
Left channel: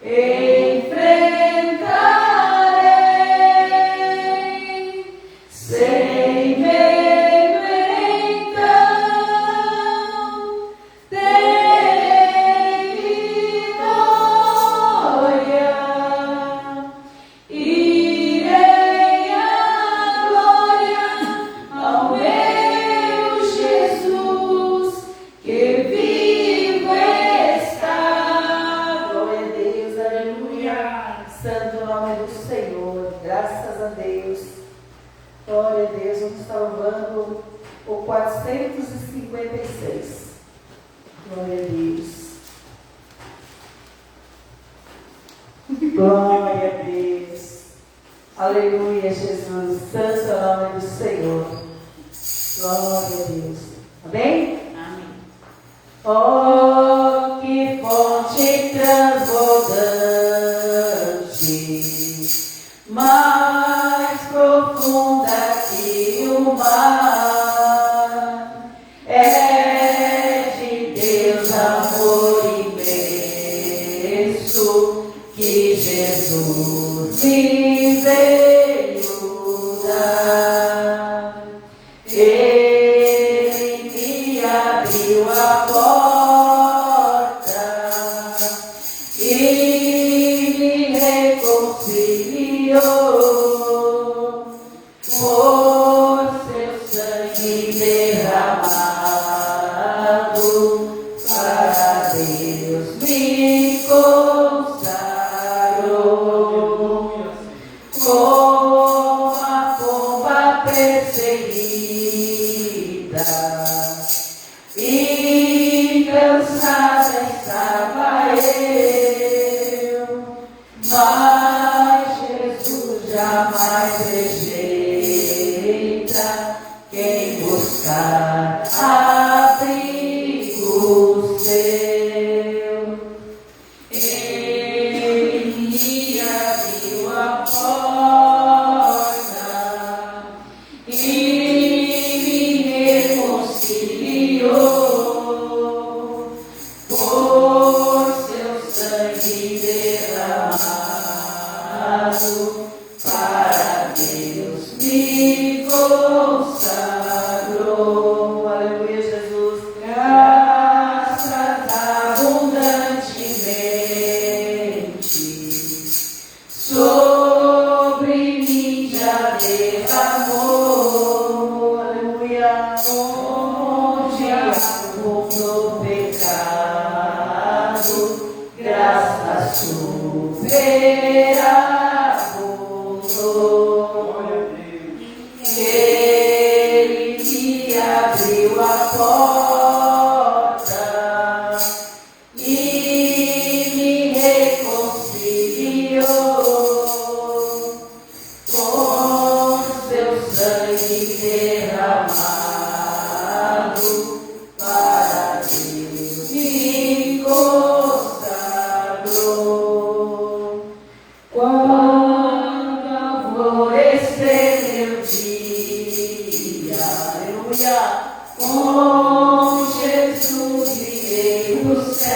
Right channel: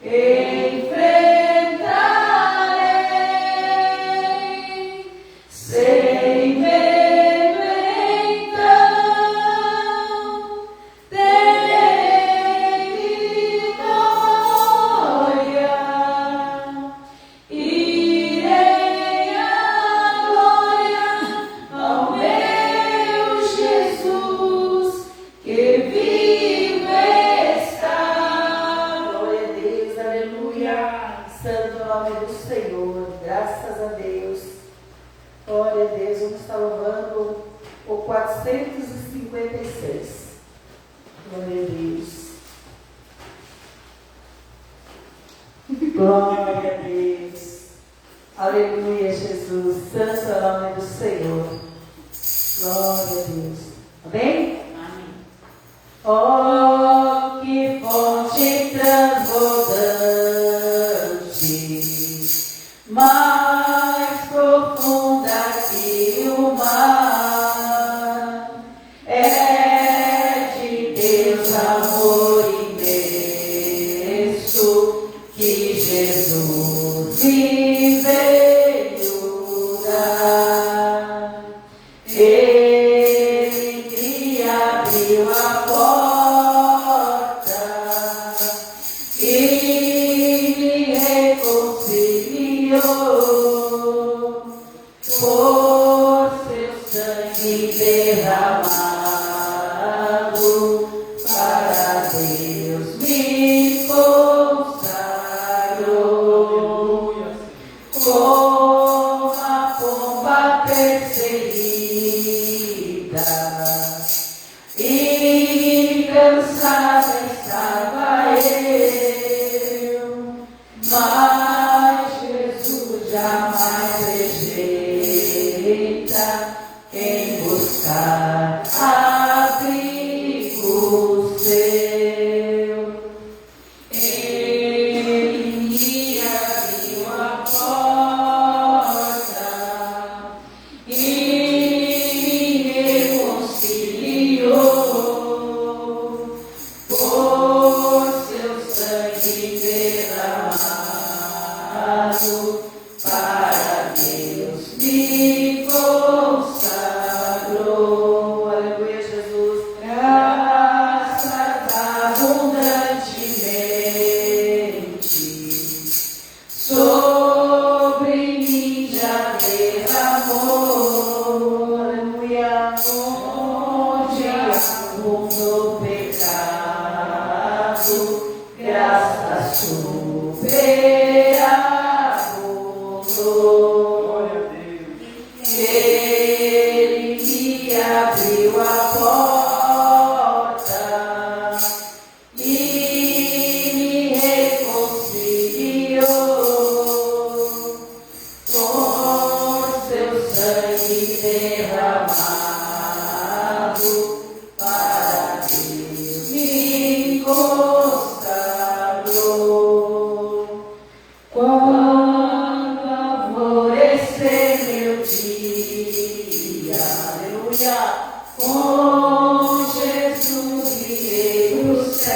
enfrentarei, sem medo então terei vitória. Irei à glória ao meu Jesus, que vivo está. Glória a Deus, aleluia. Santo nome do Senhor, graças a Deus. Glória a Deus, vamos estar louvando o 456. Glória a Deus. Glória a Deus. Aleluia, Jesus. Santo é o nome do Senhor. Glória a Deus. Amém? Amém. Oh, que fonte transbordante, mais profunda que o mar, é de Deus amor imenso que Jesus me veio dar. Ele abriu a porta e me reconciliou por seu sangue derramado, para Deus me consagrou. Como a pomba perseguida e cansada estava eu, mas Jesus jamais rejeita quem buscar abrigo seu. Ele abriu a porta e onde abundou o pecado, graça superabundou. Ele me abriu a porta e me reconciliou com seu sangue derramado para Deus me consagrou. Quando alvorecer meu dia, aleluia, com Jesus virei pro céu,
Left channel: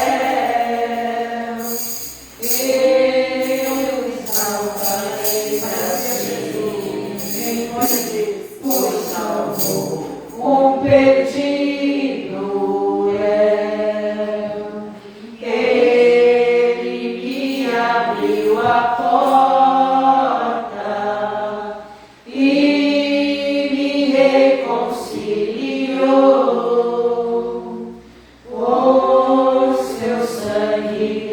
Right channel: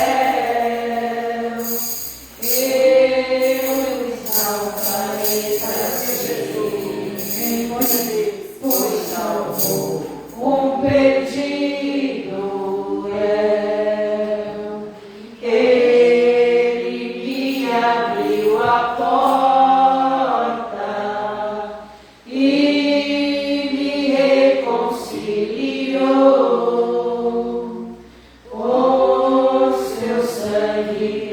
eu exaltarei para Jesus, Senhor de Deus, o salvou, um perdido eu. Ele me abriu a porta e me reconciliou com seu sangue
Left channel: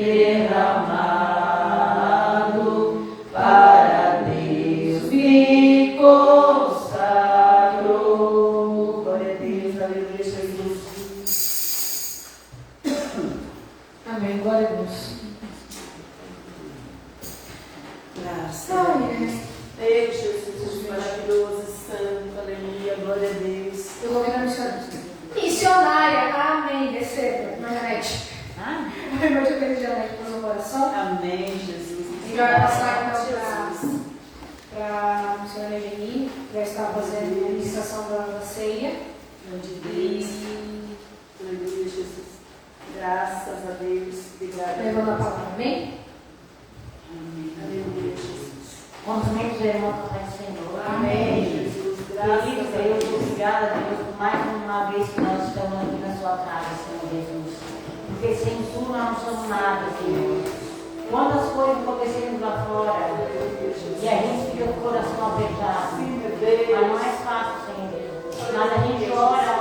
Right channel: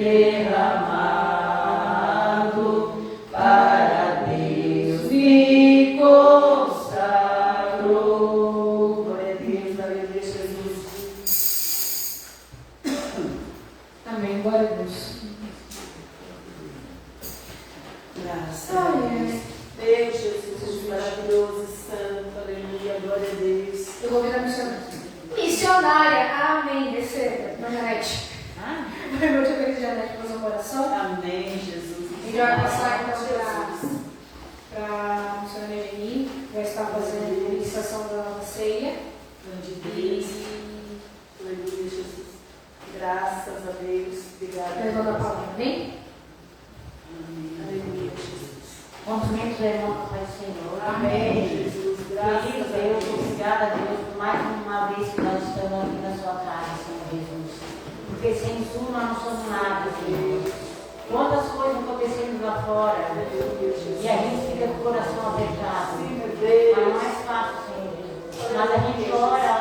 derramado para Deus me consagrou. Glória a Deus, aleluia, Jesus. Amém. Glória a Deus. Graças a Ai, Deus. Ei, Jesus, maravilhoso, santo, aleluia, glória a Deus. eu vou virar missionária. Missionária. Amém. Receba. Margarete. Meu Deus, eu queria Janete fazer uma oração. Amém, Jesus. A gente vai passar então para a missionária Geni, que vai estar fazendo a ministração da ceia. Glória a E Deus. Aleluia, Jesus. Graças a Deus. Obrigada. levando a palavra. Amém? Amém. Aleluia, Jesus. Cumprimento os irmãos do Senhor. Amém, Jesus. Graças Querido a Deus, Deus. obrigada a Deus por mais uma vez que nós estamos aqui na sua casa, Senhor Jesus. Porque sem tu nós não somos nada, Senhor. Quantas coisas acontecendo lá fora e a gente fica com o coração apertado. Sim, meu Mas Deus. não é fácil, Senhor Jesus. Mas a gente ora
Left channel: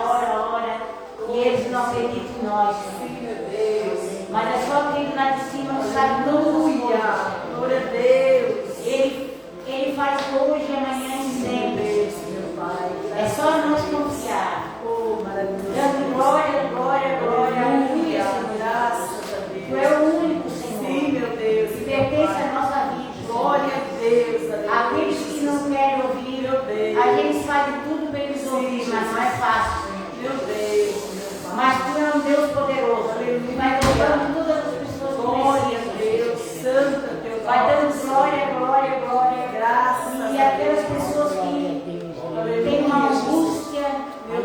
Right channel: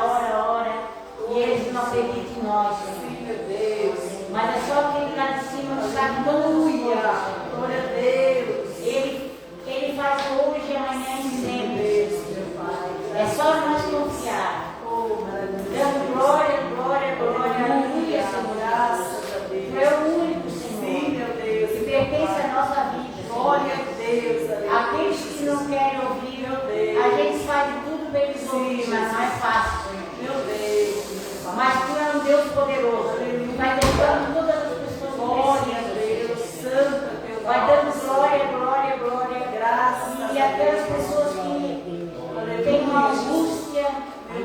e eles não acreditam em nós, Senhor. Sim, meu Deus. Mas é só quem lá de cima que sabe todas as Aleluia. coisas. Glória a Deus. Ele faz hoje, amanhã e sempre. É só nós confiar. Oh, maravilhoso. Dando glória, glória, glória. Aleluia, Senhor. Graças a Tu Deus. é o único, Senhor. Sim, meu Deus. Que pertence à nossa vida. Glória a Deus. aleluia. Aqueles que não querem ouvir, a gente faz de tudo para eles ouvirem, mas não é fácil. Meu Deus. Mas tu é um Deus poderoso. Que vai levando todas as pessoas Glória a Deus. Santo Deus. vai dando glória, glória, glória. Graças E aquelas pessoas que têm uma angústia,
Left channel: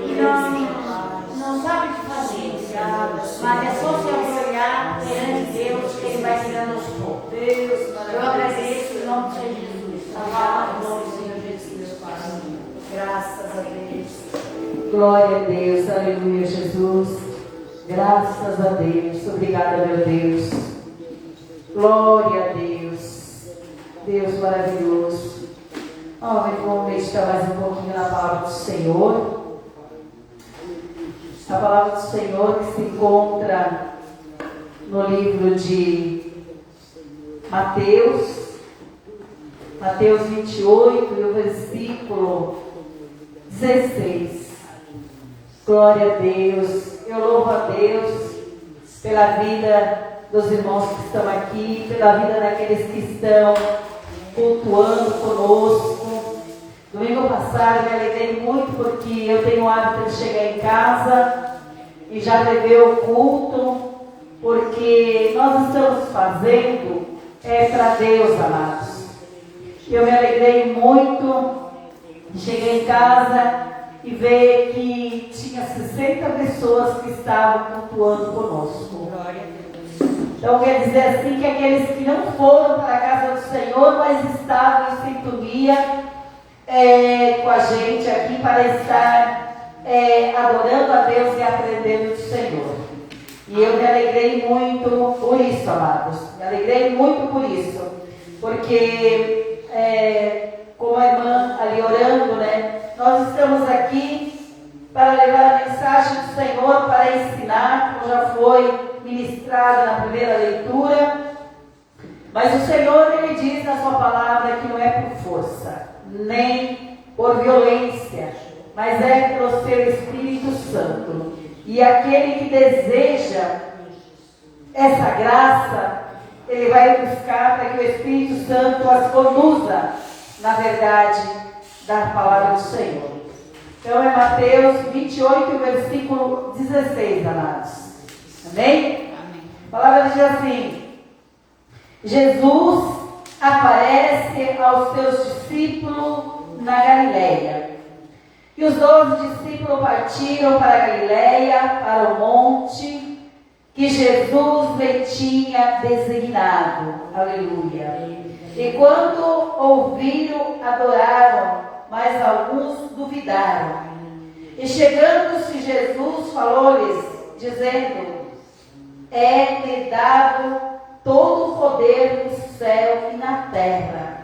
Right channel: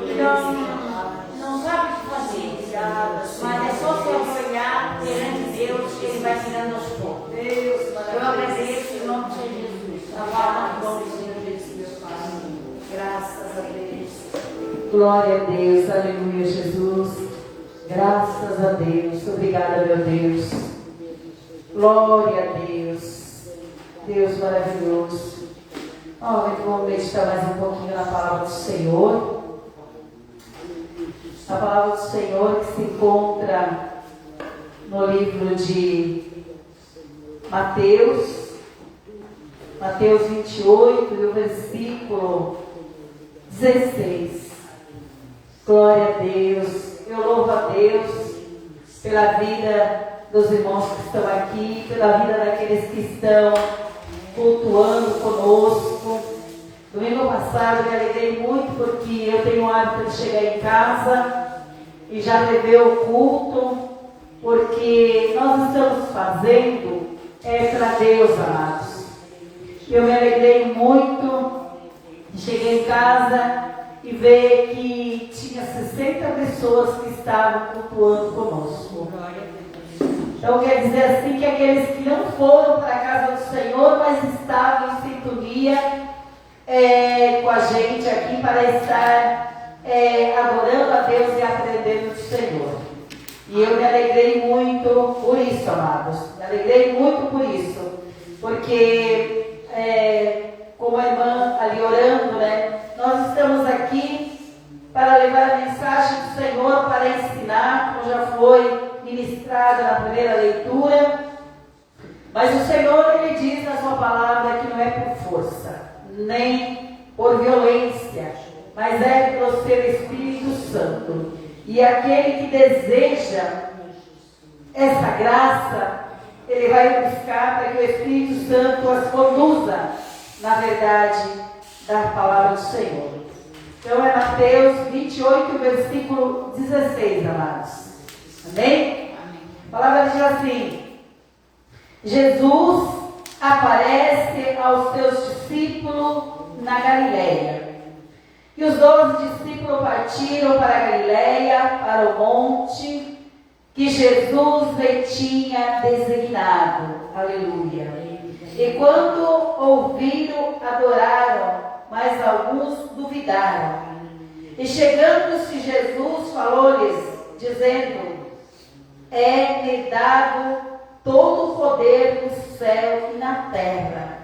que não sabem o que fazer. Mas é só você olhar perante Deus que Ele vai tirando aos poucos. Deus. Eu agradeço em nome de Jesus. Salvar em nome do Senhor Jesus. Graças a Deus. Glória a Deus, aleluia, Jesus. Graças a Deus, obrigada, meu Deus. Glória a Deus, Deus maravilhoso. Vamos meditar mais um pouquinho na palavra do Senhor. A palavra do Senhor que se encontra no livro de Mateus 28, e o versículo 16. Glória a Deus. Eu louvo a Deus pela vida dos irmãos que estão aqui, pela vida daqueles que estão cultuando conosco. Domingo passado me alegrei muito porque eu tenho o hábito de chegar em casa e já beber o culto, porque nós estamos fazendo para Deus, amados. Eu me alegrei muito, cheguei em casa e ver que tinha 60 pessoas que estavam cultuando conosco. Então quer dizer assim que aqueles que não foram para a casa do Senhor, mas estavam em sintonia com a gente aqui para estar adorando a Deus e aprendendo do Senhor. E eu me alegrei muito por isso, amados. Me alegrei muito por isso. Porque, como a irmã ali orando, né? Nós estamos aqui para levar a da mensagem do Senhor para ensinar, como já foi ministrado na primeira leitura. Mas o Senhor, Ele diz na sua palavra que não é por força, nem por violência, mas é pelo seu Espírito Santo. E aquele que deseja essa graça, ele vai buscar para que o Espírito Santo as conduza na verdade da palavra do Senhor. Então é Mateus 28, versículo 16, amados. Amém? A palavra diz assim: Jesus aparece aos seus discípulos na Galileia. E os 12 discípulos partiram para a Galileia, para o monte que Jesus lhe tinha designado. Aleluia. E quando ouviram, adoraram, mas alguns duvidaram. E chegando-se Jesus, falou-lhes, dizendo: é-me dado todo o poder no céu e na terra.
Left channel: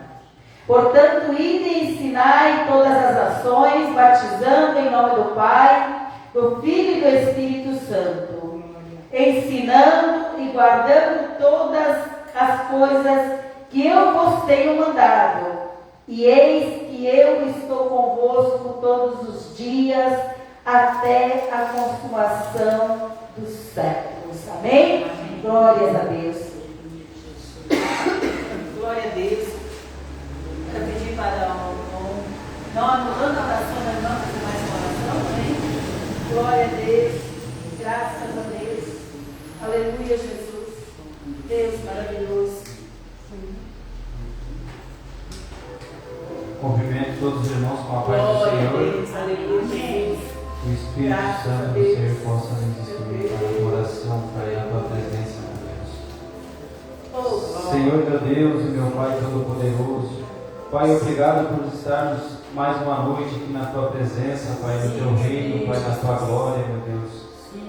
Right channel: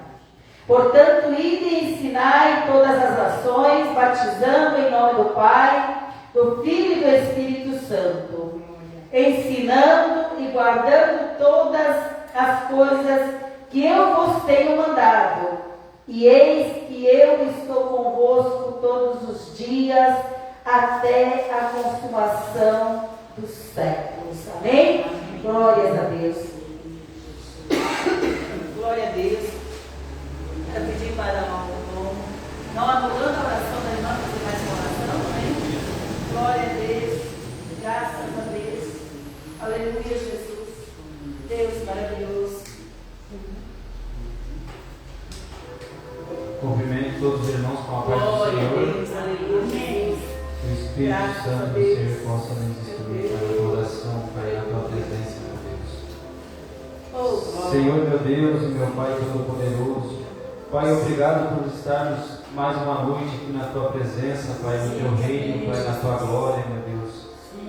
Portanto, ide e ensinai todas as nações, batizando em nome do Pai, do Filho e do Espírito Santo, ensinando e guardando todas as coisas que eu vos tenho mandado. E eis que eu estou convosco todos os dias, até a consumação dos séculos. Amém? Glórias a Deus. Glória a Deus. Quero pedir para não anulando a oração da irmã, fazer mais uma oração, amém? Glória a Deus, graças a Deus, aleluia, Jesus, Deus maravilhoso. Cumprimento todos os irmãos com a paz do Glória a Senhor. Deus, aleluia, Jesus. Que o Espírito Graças Santo a do Deus. Senhor possa nos instruir na oração, Pai, na tua presença, meu Deus. Oh, Senhor, meu Deus e meu Pai Todo-Poderoso, Pai, obrigado por estarmos mais uma noite aqui na tua presença, Pai, no teu reino, Pai, na tua glória, meu Deus.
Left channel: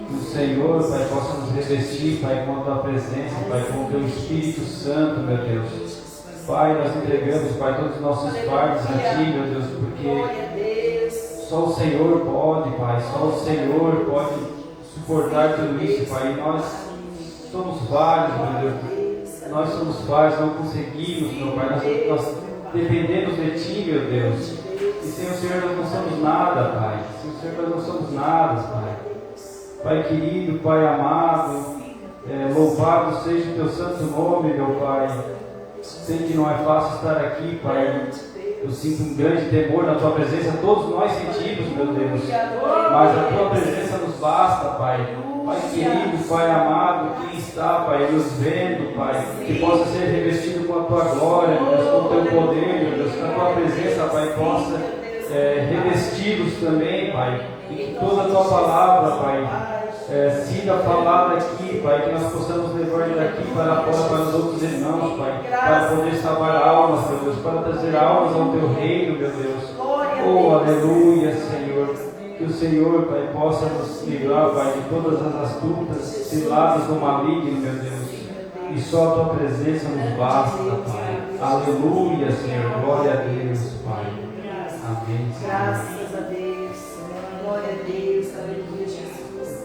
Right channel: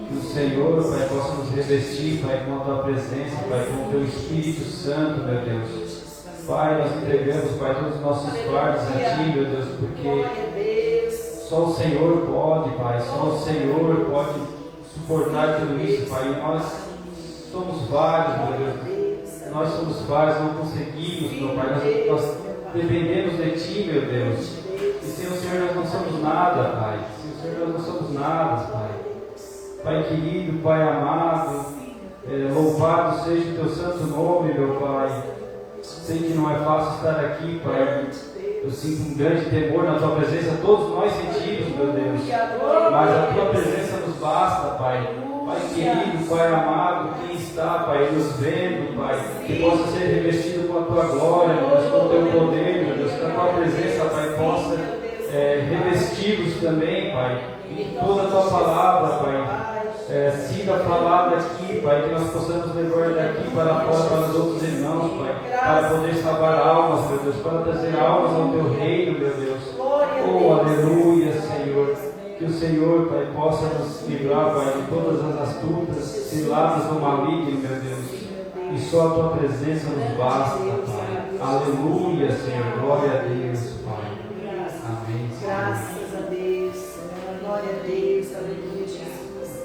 Que o Senhor, Pai, possa nos revestir, Pai, com a tua presença, Pai, com o teu Espírito Santo, meu Deus. Pai, nós entregamos, Pai, todos os nossos fardos a Ti, meu Deus, porque só o Senhor pode, Pai, só o Senhor pode suportar tudo isso, Pai. E nós somos vários, meu Deus. Nós somos vários, não conseguimos, meu Pai. Nós dependemos de Ti, meu Deus. E sem o Senhor nós não somos nada, Pai. Sem o Senhor nós não somos nada, Pai. Pai querido, Pai amado, louvado seja o Teu santo nome, meu Pai. Sei que não é fácil estar aqui, Pai. Eu sinto um grande temor na Tua presença, todos nós sentimos, meu Deus. Mas a Tua presença nos basta, Pai. Pai querido, Pai amado, quem está, Pai, nos vendo, Pai, que possa ser revestido com a Tua glória, meu Deus, com o Teu poder, meu Deus, que a Tua presença, Pai, possa revesti-los também, Pai, e que toda a Tua palavra, Pai, siga falada aqui, Pai, que nós possamos levar daqui para fora para os outros irmãos, Pai, para poder salvar almas, meu Deus, para trazer almas ao Teu reino, meu Deus. Oh, aleluia, Senhor. Que o Senhor, Pai, possa nos livrar, Pai, de todas as astutas, ciladas do maligno, meu Deus. E só a Tua presença nos basta, Pai. Aleluia, Senhor. Glória a Deus, Pai. Amém. graças a Deus, glória a Deus, aleluia, Jesus.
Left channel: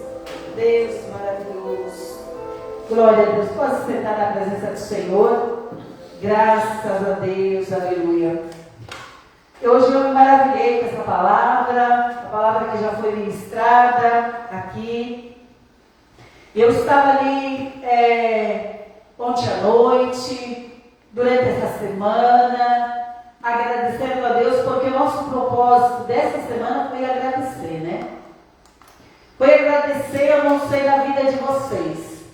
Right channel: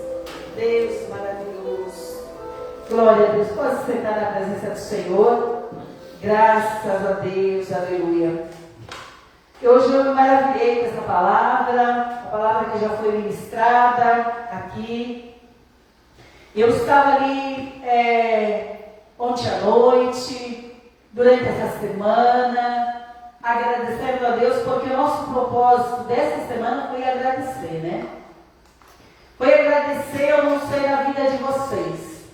Deus maravilhoso. Glória a Deus. Posso sentar na presença do Senhor? Graças a Deus, aleluia. Hoje eu me maravilhei com essa palavra, a palavra que já foi ministrada aqui. Eu estava ali ontem à noite, durante essa semana, agradecendo a Deus, porque o nosso propósito dessa semana foi agradecer, né? Foi agradecer, eu não sei da vida de vocês,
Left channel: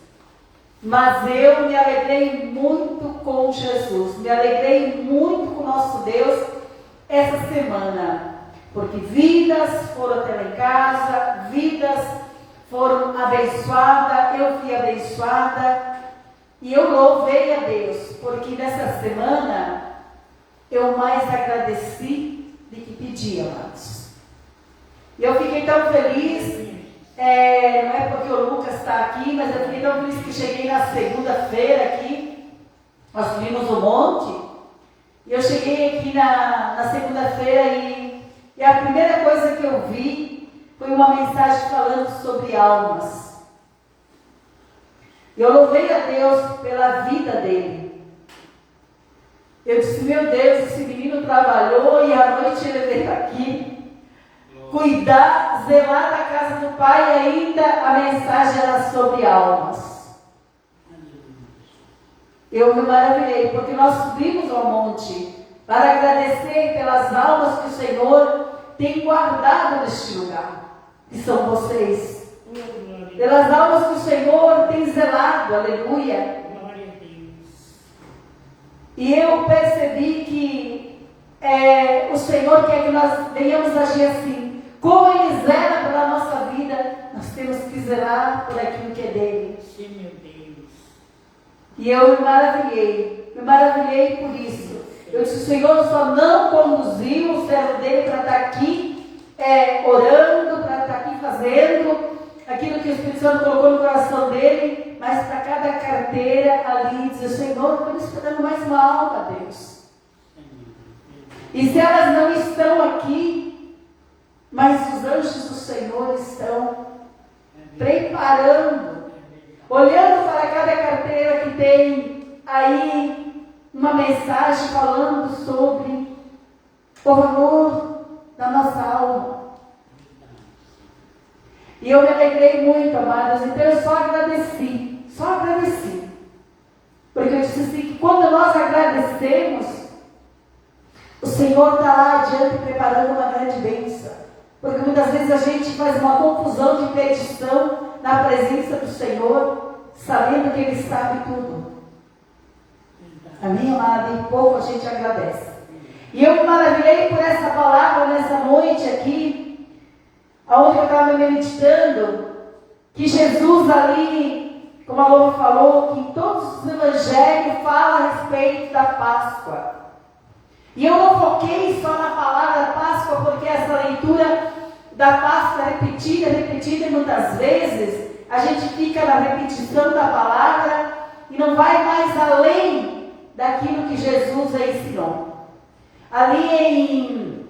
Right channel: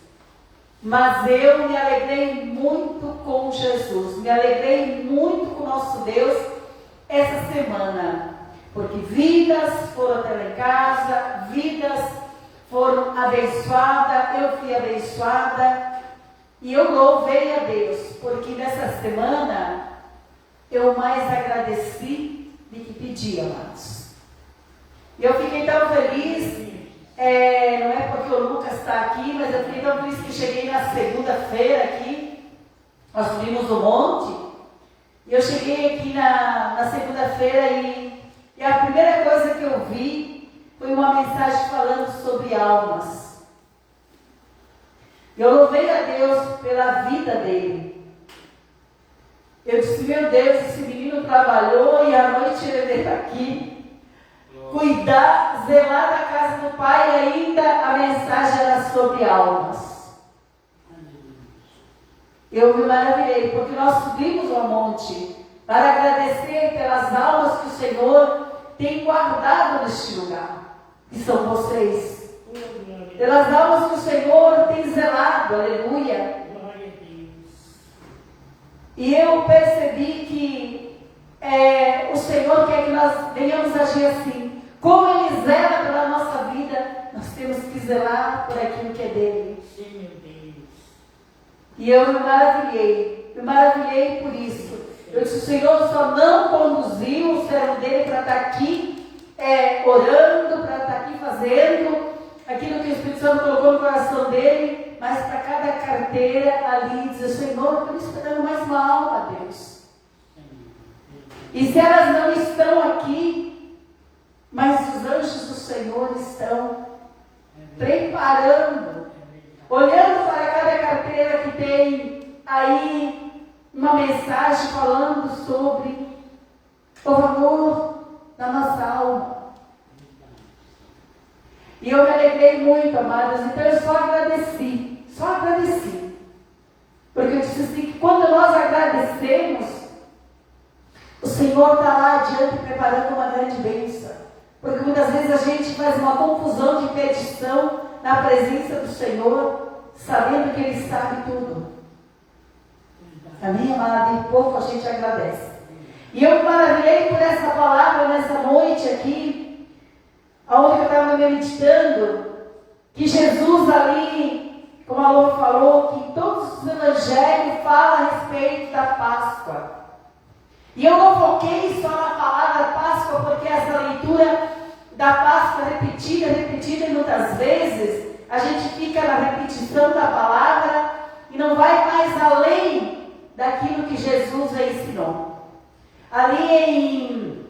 mas eu me alegrei muito com Jesus, me alegrei muito com o nosso Deus essa semana, porque vidas foram até lá em casa, vidas foram abençoadas, eu fui abençoada, e eu louvei a Deus, porque nessa semana eu mais agradeci do que pedi, amados. E eu fiquei tão feliz, não é porque o Lucas está aqui, mas eu fiquei tão feliz que cheguei na segunda-feira aqui, nós subimos o monte, e eu cheguei aqui na segunda-feira e a primeira coisa que eu vi foi uma mensagem falando sobre almas. Eu louvei a Deus pela vida dele. Eu disse, meu Deus, esse menino trabalhou e à noite ele veio aqui cuidar, zelar da casa do Pai, e ainda a mensagem era sobre almas. Eu me maravilhei, porque nós subimos ao monte para agradecer pelas almas que o Senhor tem guardado neste lugar, que são vocês. Pelas almas que o Senhor tem zelado, aleluia. E eu percebi que o Senhor quer que nós venhamos agir assim. Como Ele zela pela nossa vida, nós temos que zelar por aquilo que é dele. Sim, meu Deus. E eu me maravilhei por isso. Eu disse, o Senhor só não conduziu o servo dele para estar aqui orando, para estar aqui fazendo aquilo que o Espírito Santo colocou no coração dele, mas para cada carteira ali dizer, Senhor, estamos esperando mais uma alma, Deus. E se elas não estão aqui, mas os anjos do Senhor estão preparando, olhando para cada carteira que tem aí uma mensagem falando sobre o valor da nossa alma. E eu me alegrei muito, amadas, então eu só agradeci. Porque eu disse assim, que quando nós agradecemos, o Senhor está lá adiante preparando uma grande bênção. Porque muitas vezes a gente faz uma confusão de petição na presença do Senhor, sabendo que Ele sabe tudo. Amém, amada? E pouco a gente agradece. E eu me maravilhei por essa palavra nessa noite aqui, onde eu estava meditando, que Jesus ali, como a Lô falou, que todos os evangelhos falam a respeito da Páscoa. E eu não foquei só na palavra Páscoa, porque essa leitura da Páscoa é repetida, e muitas vezes a gente fica na repetição da palavra e não vai mais além daquilo que Jesus ensinou. Ali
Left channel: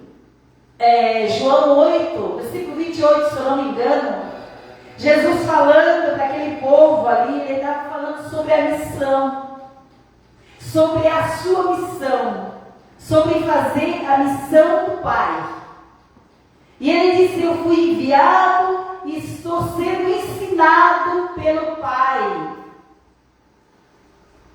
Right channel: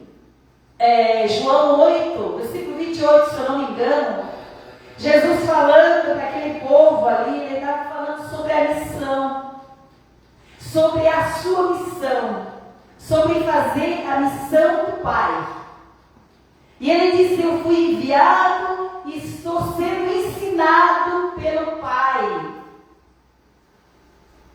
em João 8, versículo 28, se eu não me engano, Jesus falando daquele povo ali, ele estava falando sobre a missão, sobre a sua missão, sobre fazer a missão do Pai. E ele disse, eu fui enviado e estou sendo ensinado pelo Pai.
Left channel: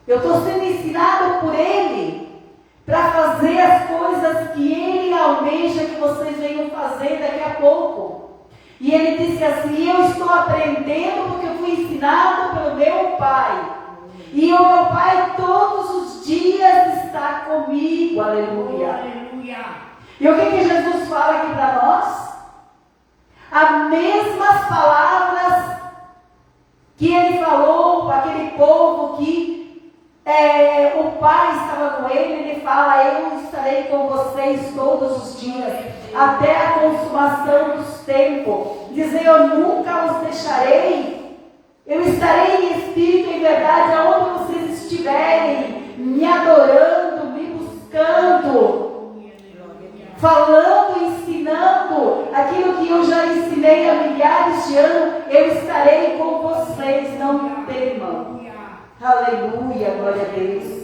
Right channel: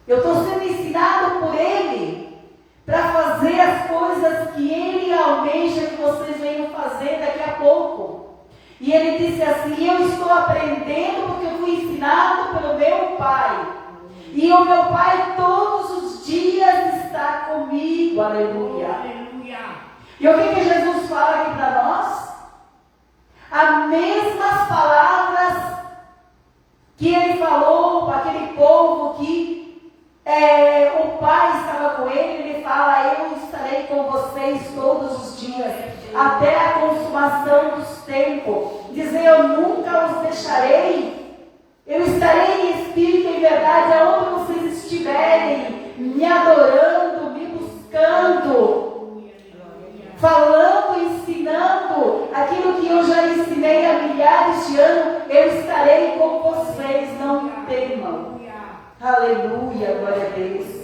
Eu estou sendo ensinado por Ele para fazer as coisas que Ele almeja que vocês venham fazer daqui a pouco. E ele disse assim, eu estou aprendendo porque eu fui ensinado pelo meu Pai. E o meu Pai todos os dias está comigo. Aleluia. Aleluia. E o que Jesus fala aqui para nós? As mesmas palavras que Ele falou para aquele povo que o Pai estava com ele fala, eu estarei com vocês todos os dias, até a consumação dos tempos. Dizer, eu nunca os deixarei, eu estarei em espírito e em verdade, aonde vocês estiverem, me adorando, me buscando, falando, ensinando, aquilo que eu já ensinei há milhares de anos, eu estarei com vocês, não temam. Aleluia, glória a Deus.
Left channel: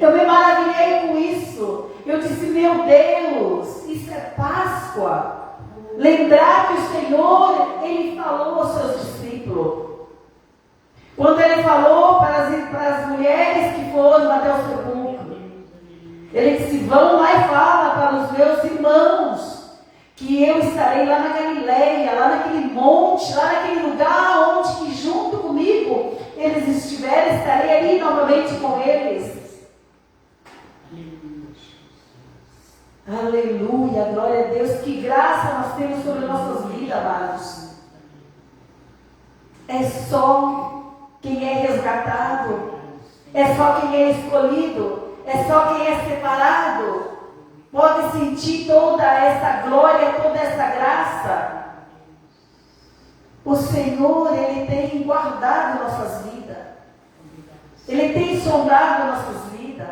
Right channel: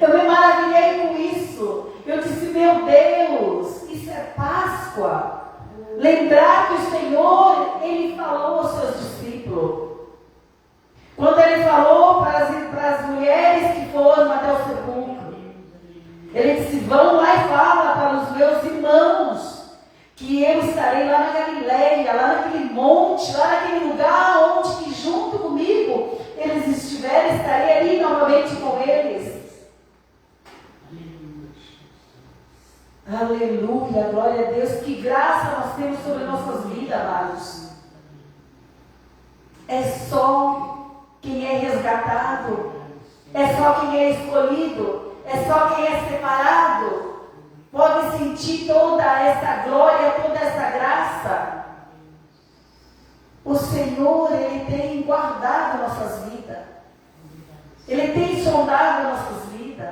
Eu me maravilhei com isso. Eu disse, meu Deus, isso é Páscoa. Lembrar que o Senhor, Ele falou aos seus discípulos. Quando Ele falou para as mulheres que foram até o sepulcro, Ele disse, vão lá e fala para os meus irmãos que eu estarei lá na Galileia, lá naquele monte, lá naquele lugar onde que junto comigo eles estiverem, estarei ali novamente com eles. Aleluia, glória a Deus. Que graça nós temos sobre nossas vidas, amados. É só quem é resgatado, é só quem é escolhido, é só quem é separado pode sentir toda essa glória, toda essa graça. O Senhor, Ele tem guardado nossas vidas. Ele tem sondado nossas vidas.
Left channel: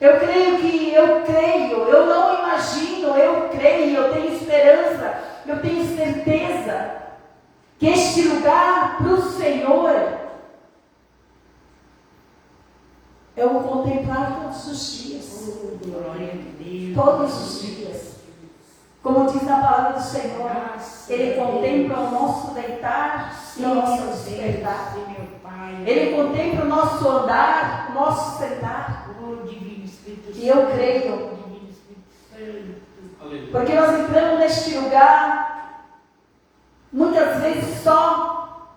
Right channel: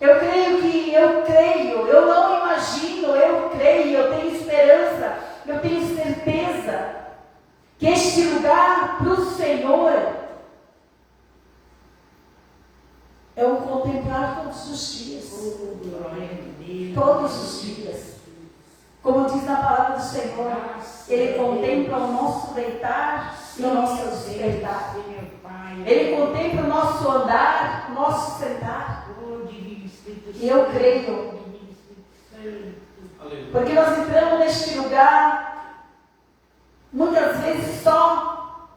Eu creio, eu não imagino, eu creio, eu tenho esperança, eu tenho certeza que este lugar para o Senhor é o contemplar todos os dias. Todos os dias. Como diz na palavra do Senhor, Ele contempla o nosso deitar e o nosso despertar. Ele contempla o nosso andar, o nosso sentar. E eu creio, porque nós entramos neste lugar muitas vezes só,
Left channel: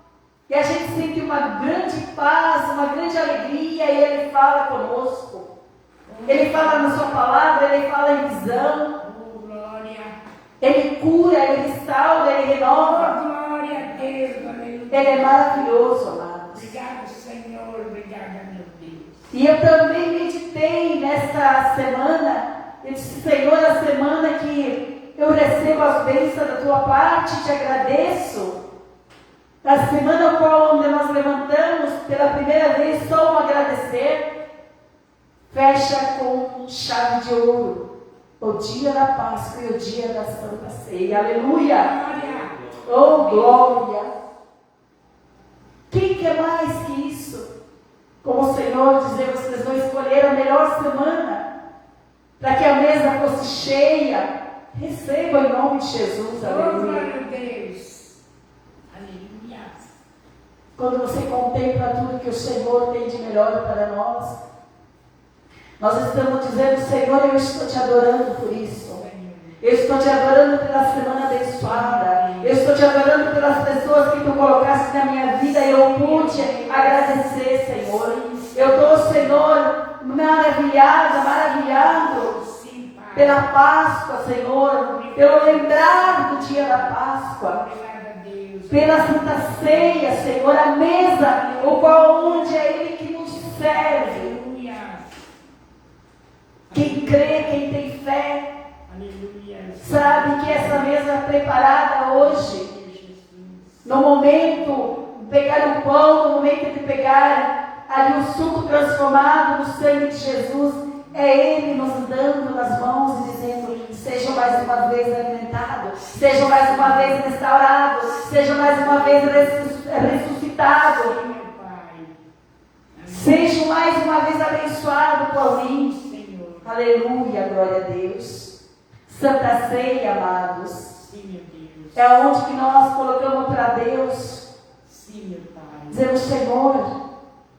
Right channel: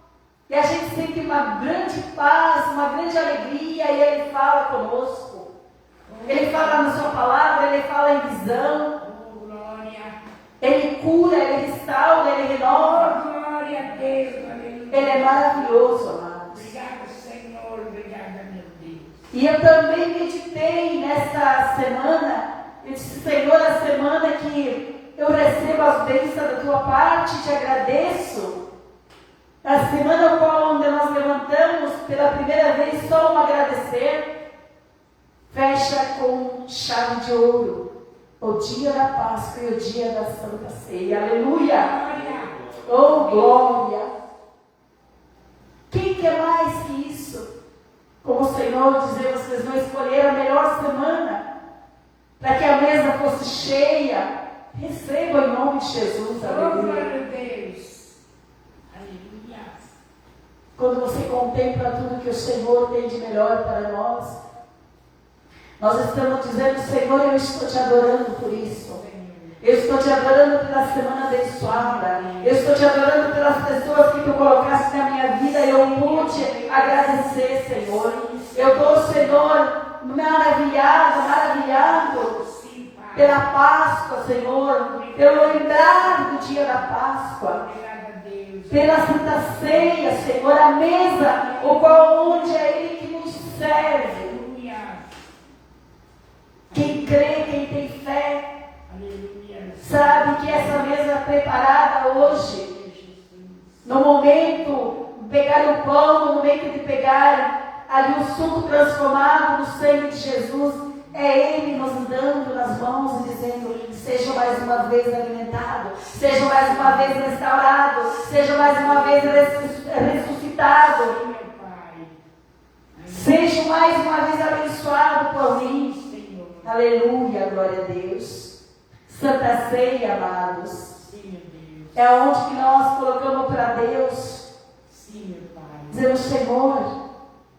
e a gente sente uma grande paz, uma grande alegria, e Ele fala conosco. Ele fala na sua palavra, Ele fala em visão. Ele cura, Ele restaura, Ele renova. Ele é maravilhoso, amados. Obrigado, Senhor. Obrigada, meu Deus. E eu também meditei nesta semana. Eu disse, Senhor, a semana que eu recebo as bênçãos da tua parte, te agradeço. A semana qual onde nós levantamos pela primeira vez só um agradecer, fecha com chave de ouro. O dia da Páscoa e o dia da Santa Ceia. Aleluia! Oh, glória! Quem quer mais que isso? Como o Senhor dizer, vocês vão escolher a melhor semana para que a mesa fosse cheia. Receba em nome de Jesus. Aleluia! Aleluia! Quando você contempla tudo que o Senhor tem de melhor para nós, nós estamos dizendo, Senhor, eu estou te adorando por isso. Eu estou te adorando pela semana abençoada. Eu estou te adorando pelas pessoas que tu colocaste na minha vida e eu pude agradecer, Senhor. Eu estou, Senhor, maravilhado pela Páscoa, Senhor. Pelo lembrar do dia da Páscoa. Pela Santa Ceia, Senhor, a mesa, o qual onde é Ele que nos serve. Quem crê, quem tem fé, sabe que essa mesa preparada hoje, no momento de pegar o pão, no momento de pegar ali o suco transformado no sangue de Jesus, é Ele nos dando nas mãos e dizendo, sejam mais uma vez alimentados, sejam mais uma vez restaurados, sejam mais uma vez ressuscitados, sejam mais uma vez abençoados por mim. Aleluia, glória a Deus. Santa Ceia, amados. Sim, Deus. É onde que nós colocamos para Deus. Sim, meu Pai. Dizendo, Senhor,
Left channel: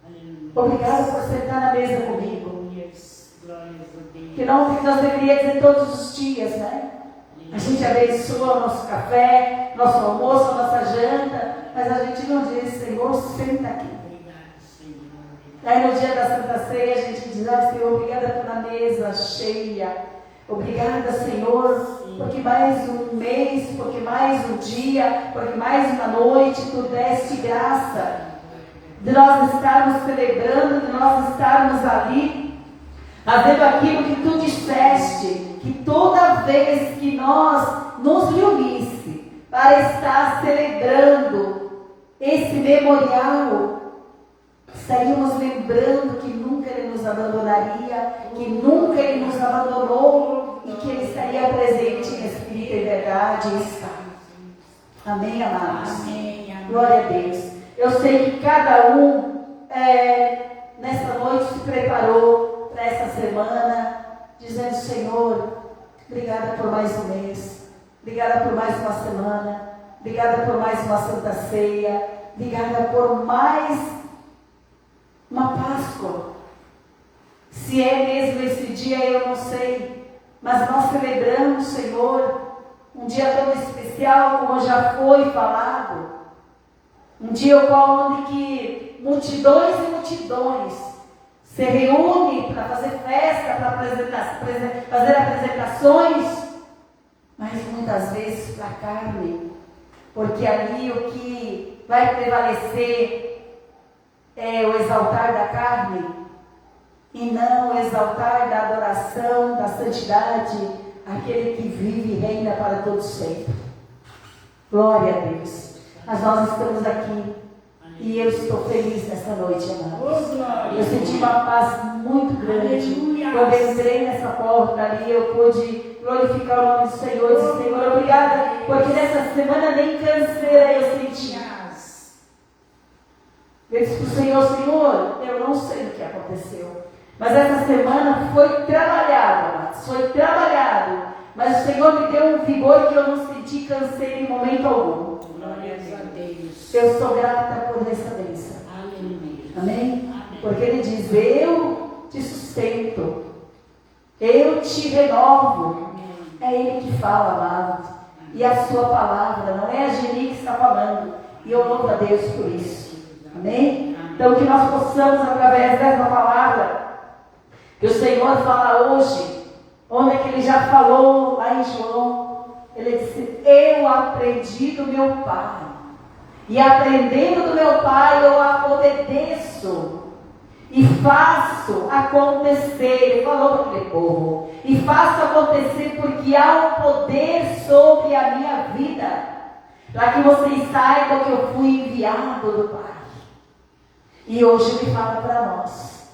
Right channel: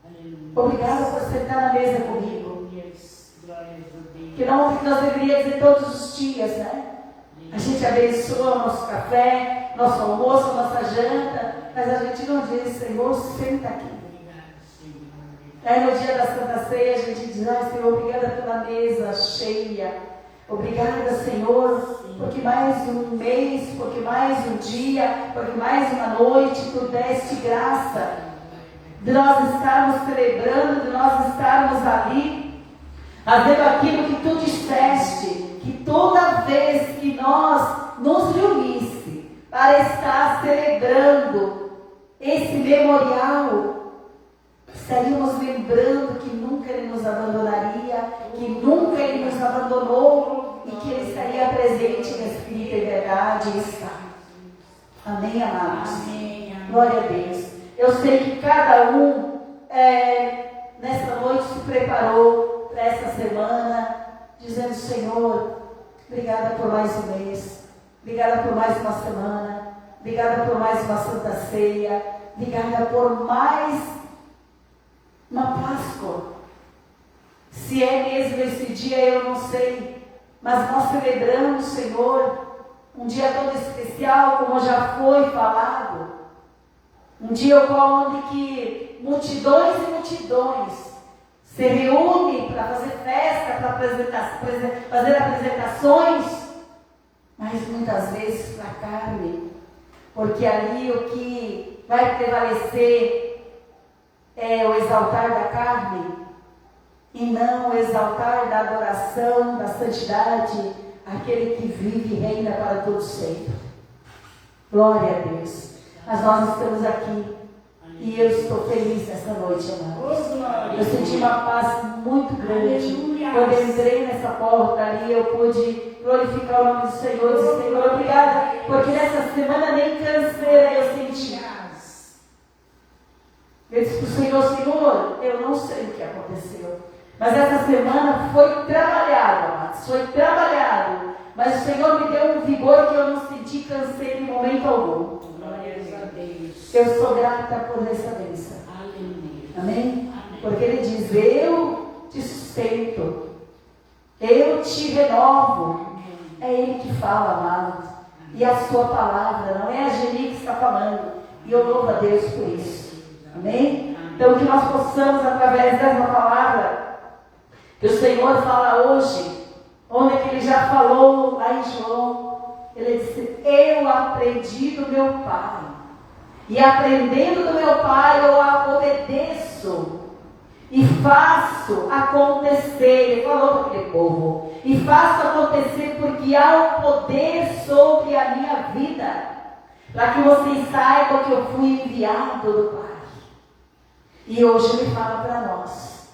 Aleluia. obrigado por sentar na mesa comigo. Glórias a Deus. Que não que nós deveríamos dizer todos os dias, né? A gente abençoa nosso café, nosso almoço, nossa janta, mas a gente não diz, Senhor, senta aqui. Aí no dia da Santa Ceia a gente diz, Senhor, obrigada pela mesa cheia. Obrigada, Senhor, porque mais um mês, porque mais um dia, porque mais uma noite tu deste graça de nós estarmos celebrando, de nós estarmos ali, fazendo aquilo que tu disseste, que toda vez que nós nos reunisse para estar celebrando esse memorial, estaríamos lembrando que nunca Ele nos abandonaria, que nunca Ele nos abandonou e que Ele estaria presente em espírito e verdade e está. Amém, amados? Amém, amém. Glória a Deus. Eu sei que cada um nesta noite se preparou para essa semana, dizendo, Senhor, obrigada por mais um mês, obrigada por mais uma semana, obrigada por mais uma Santa Ceia, obrigada por mais uma Páscoa. Se é mesmo esse dia, eu não sei, mas nós celebramos, Senhor, um dia tão especial, como já foi falado, um dia onde que multidões e multidões se reúnem para fazer festa, para fazer apresentações, mas muitas vezes para a carne, porque ali o que vai prevalecer é o exaltar da carne e não o exaltar da adoração, da santidade, aquele que vive e reina para todo sempre. Glória a Deus. Mas nós estamos aqui E eu estou feliz nessa noite, amados. Eu senti uma paz muito grande. Quando eu entrei nessa porta ali, eu pude glorificar o nome do Senhor. Eu disse, Senhor, obrigada, porque nessa semana nem canseira eu senti. Eu disse para o Senhor, Senhor, eu não sei o que aconteceu, mas essa semana foi trabalhado, amados, foi trabalhado. Mas o Senhor me deu um vigor que eu não senti canseiro em momento algum. Eu sou grata por essa bênção. Amém? Porque Ele diz, eu te sustento, eu te renovo. É Ele que fala, amado. E a sua palavra, não é a Geni que está falando. E eu louvo a Deus por isso. Amém? Então que nós possamos, através dessa palavra que o Senhor fala hoje, onde é que Ele já falou lá em João, Ele disse, eu aprendi do meu Pai, e aprendendo do meu Pai eu obedeço e faço acontecer. Ele falou para aquele povo, e faço acontecer porque há um poder sobre a minha vida, para que vocês saibam que eu fui enviado do Pai. E hoje Ele fala para nós.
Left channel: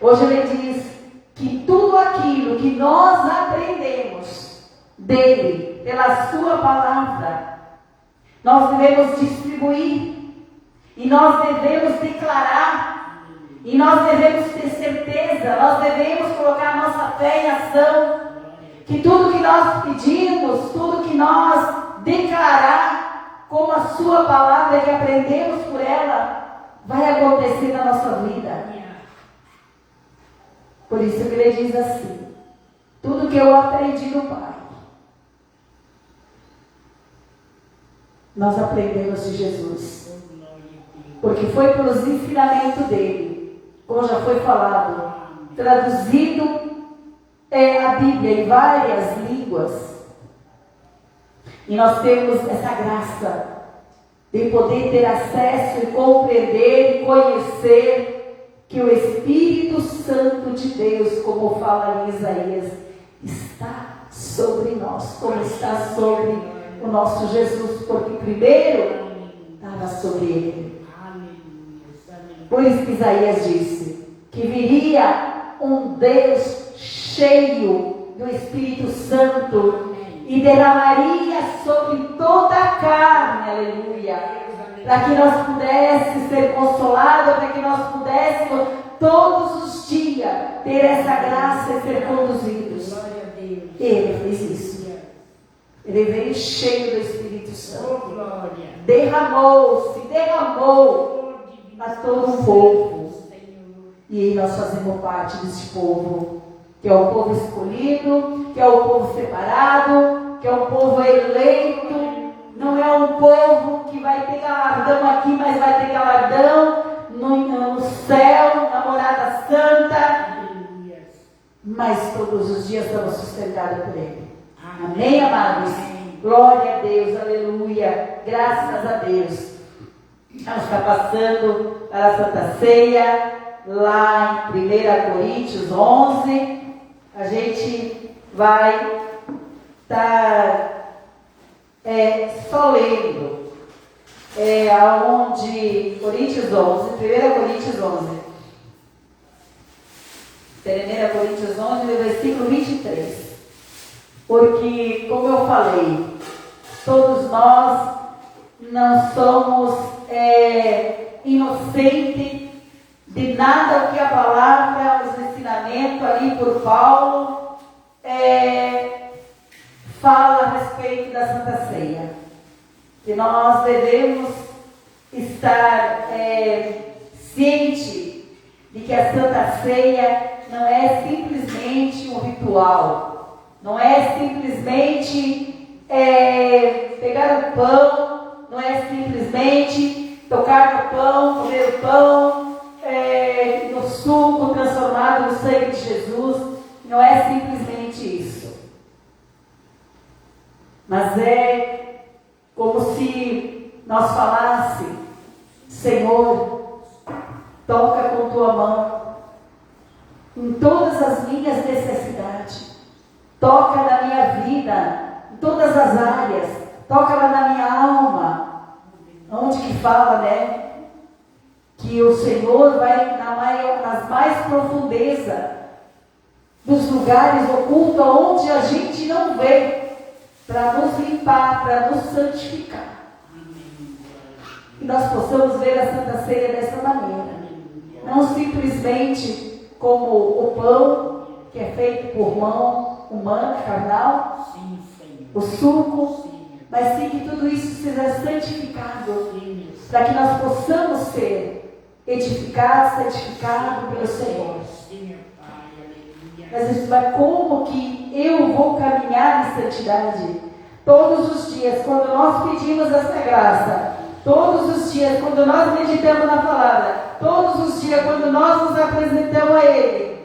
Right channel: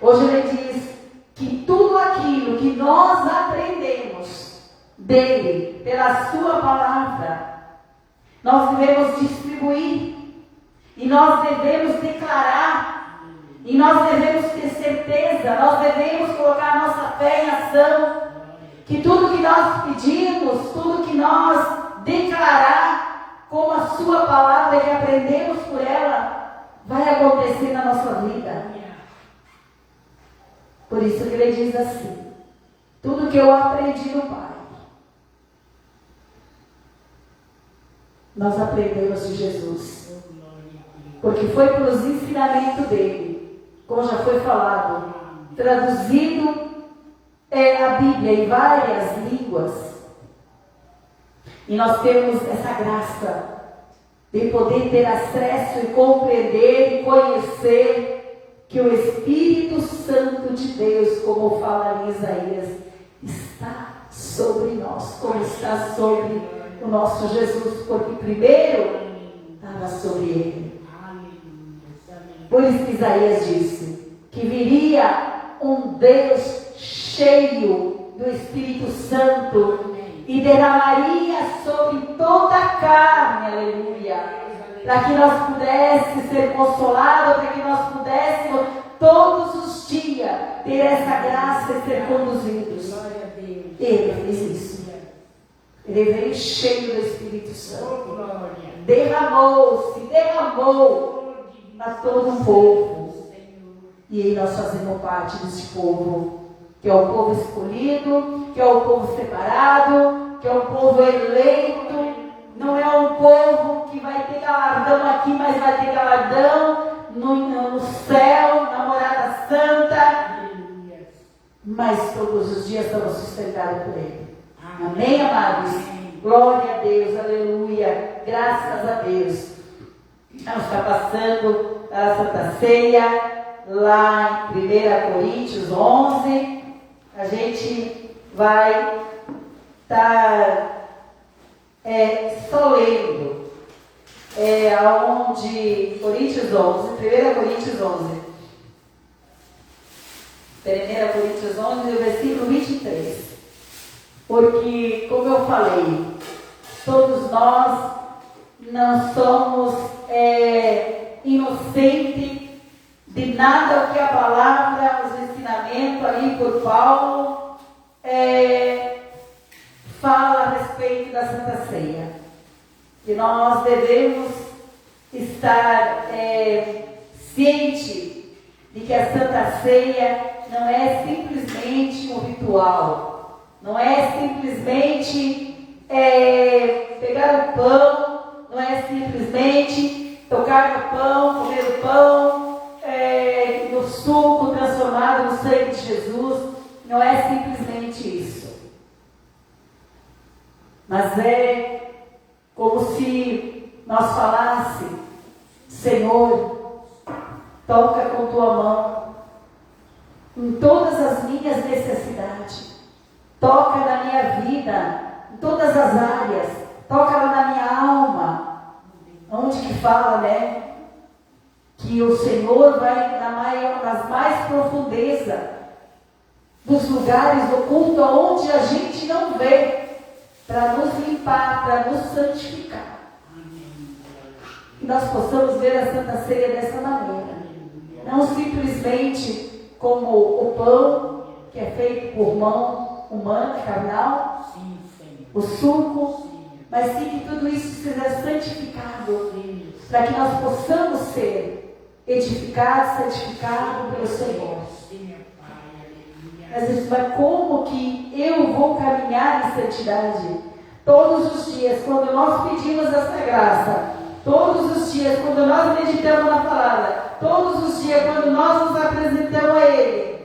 Hoje Ele diz que tudo aquilo que nós aprendemos dEle, pela sua palavra, nós devemos distribuir. E nós devemos declarar. E nós devemos ter certeza. Nós devemos colocar a nossa fé em ação. Que tudo que nós pedimos, tudo que nós declarar, como a sua palavra que aprendemos por ela, vai acontecer na nossa vida. Por isso que Ele diz assim, tudo que eu aprendi do Pai, nós aprendemos de Jesus. Porque foi pelos ensinamentos dEle, como já foi falado, traduzido a Bíblia em várias línguas. E nós temos essa graça de poder ter acesso e compreender e conhecer que o Espírito Santo de Deus, como fala em Isaías, está sobre nós, como está sobre o nosso Jesus, porque primeiro estava sobre Ele. Por isso que Isaías disse que viria um Deus cheio do Espírito Santo e derramaria sobre toda a carne, aleluia, para que nós pudéssemos ser consolados, para que nós pudéssemos todos os dias ter essa graça e ser conduzidos. Ele fez isso. Ele veio cheio do Espírito Santo. Derramou a todo o povo. E nós fazemos parte desse povo, que é o povo escolhido, que é o povo separado, que é o povo eleito. Não é um povo que vai ter galardão aqui, mas vai ter galardão no céu, na morada santa. Mas todos os dias estamos sustentados por Ele. Amém, amados? Glória a Deus, aleluia. Graças a Deus. Vamos estar passando a Santa Ceia, lá em 1 Coríntios 11. A gente vai estar só lendo, aonde Coríntios 11, 1 Coríntios 11, 1 Coríntios 11, no versículo 23, porque, como eu falei, todos nós não somos inocentes de nada o que a palavra, os ensinamentos ali por Paulo, fala a respeito da Santa Ceia, que nós devemos estar cientes de que a Santa Ceia não é simplesmente um ritual, não é simplesmente pegar o pão, não é simplesmente tocar no pão, comer o pão, no suco transformado no sangue de Jesus, não é simplesmente isso. Mas é como se nós falássemos, Senhor, toca com tua mão em todas as minhas necessidades, toca na minha vida, em todas as áreas, toca lá na minha alma, onde que fala, né? que o Senhor vai nas mais profundezas dos lugares ocultos, onde a gente não vê, para nos limpar, para nos santificar. Que nós possamos ver a Santa Ceia dessa maneira. Não simplesmente como o pão, que é feito por mão humana, carnal, o suco, mas sim que tudo isso seja santificado, para que nós possamos ser edificados, santificados pelo Senhor. Mas a gente vai, como que eu vou caminhar em santidade? Todos os dias, quando nós pedimos essa graça, todos os dias, quando nós meditamos na palavra, todos os dias, quando nós nos apresentamos a Ele,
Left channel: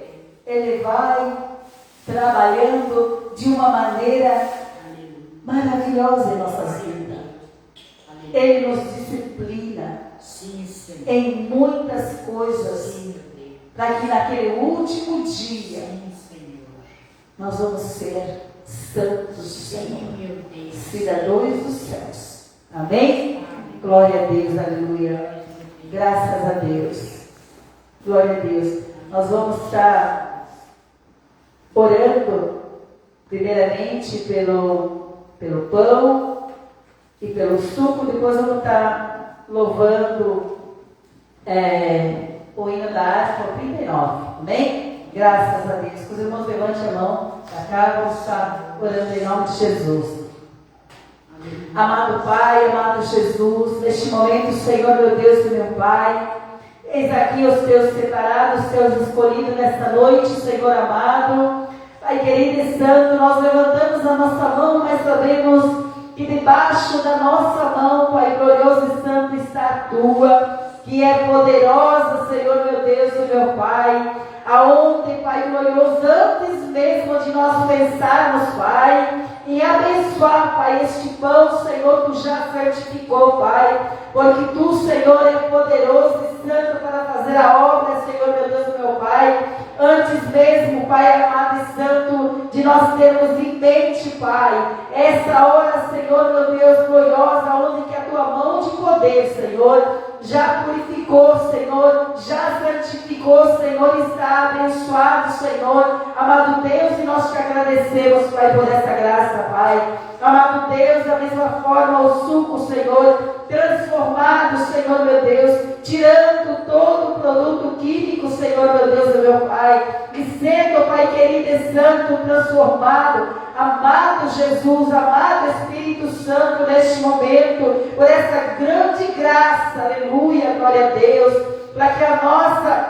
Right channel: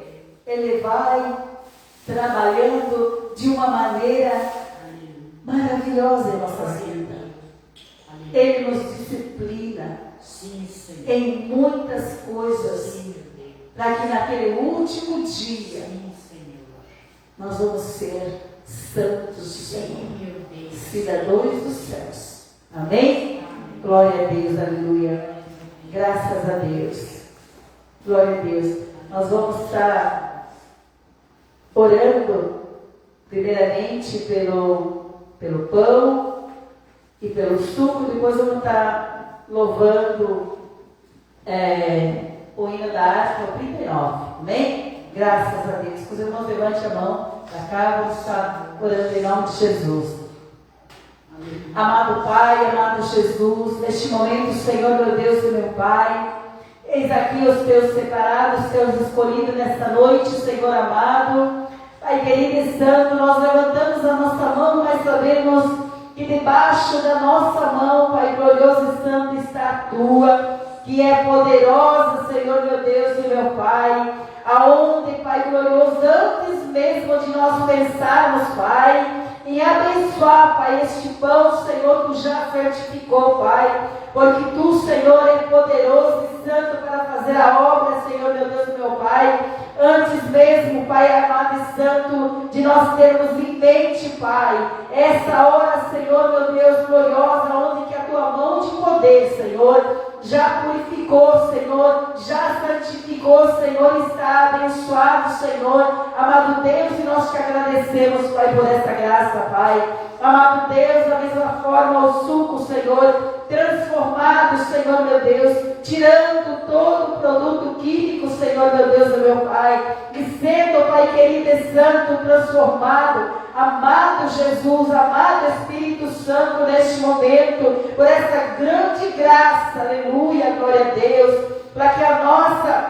Ele vai trabalhando de uma maneira maravilhosa em nossas vidas. Ele nos disciplina em muitas coisas, para que naquele último dia nós vamos ser santos, Senhor, cidadãos dos céus. Amém? Glória a Deus, aleluia. Graças a Deus. Glória a Deus. Nós vamos estar orando, primeiramente, pelo pão e pelo suco. Depois vamos estar louvando o hino da harpa 39. Amém? Graças a Deus. Os irmãos, levante a mão para cá. Vamos estar orando em nome de Jesus. Amado Pai, amado Jesus, neste momento, Senhor, meu Deus e meu Pai, eis aqui os teus separados, os teus escolhidos nesta noite, Senhor amado. Pai querido e santo, nós levantamos a nossa mão, mas sabemos que debaixo da nossa mão, Pai glorioso e santo, está a tua, que é poderosa, Senhor, meu Deus e meu Pai, aonde, Pai glorioso, antes mesmo de nós pensarmos, Pai, em abençoar, Pai, este pão, Senhor, Tu já certificou, Pai, porque Tu, Senhor, é poderoso e santo para fazer a obra, Senhor, meu Deus, meu Pai, antes mesmo, Pai amado e santo, de nós termos em mente, Pai, essa hora, Senhor, meu Deus, gloriosa, onde que a Tua mão de poder, Senhor, já purificou, Senhor, já santificou, Senhor, está abençoado, Senhor, amado Deus, e nós te agradecemos, Pai, por essa graça, Pai, amado Deus, da mesma forma o suco, Senhor, transformado, Senhor, meu Deus, tirando todo o produto químico, Senhor, meu Deus, meu Pai, e sendo, Pai querido e santo, transformado, amado Jesus, amado Espírito Santo, neste momento, por essa grande graça, aleluia, glória a Deus, para que a nossa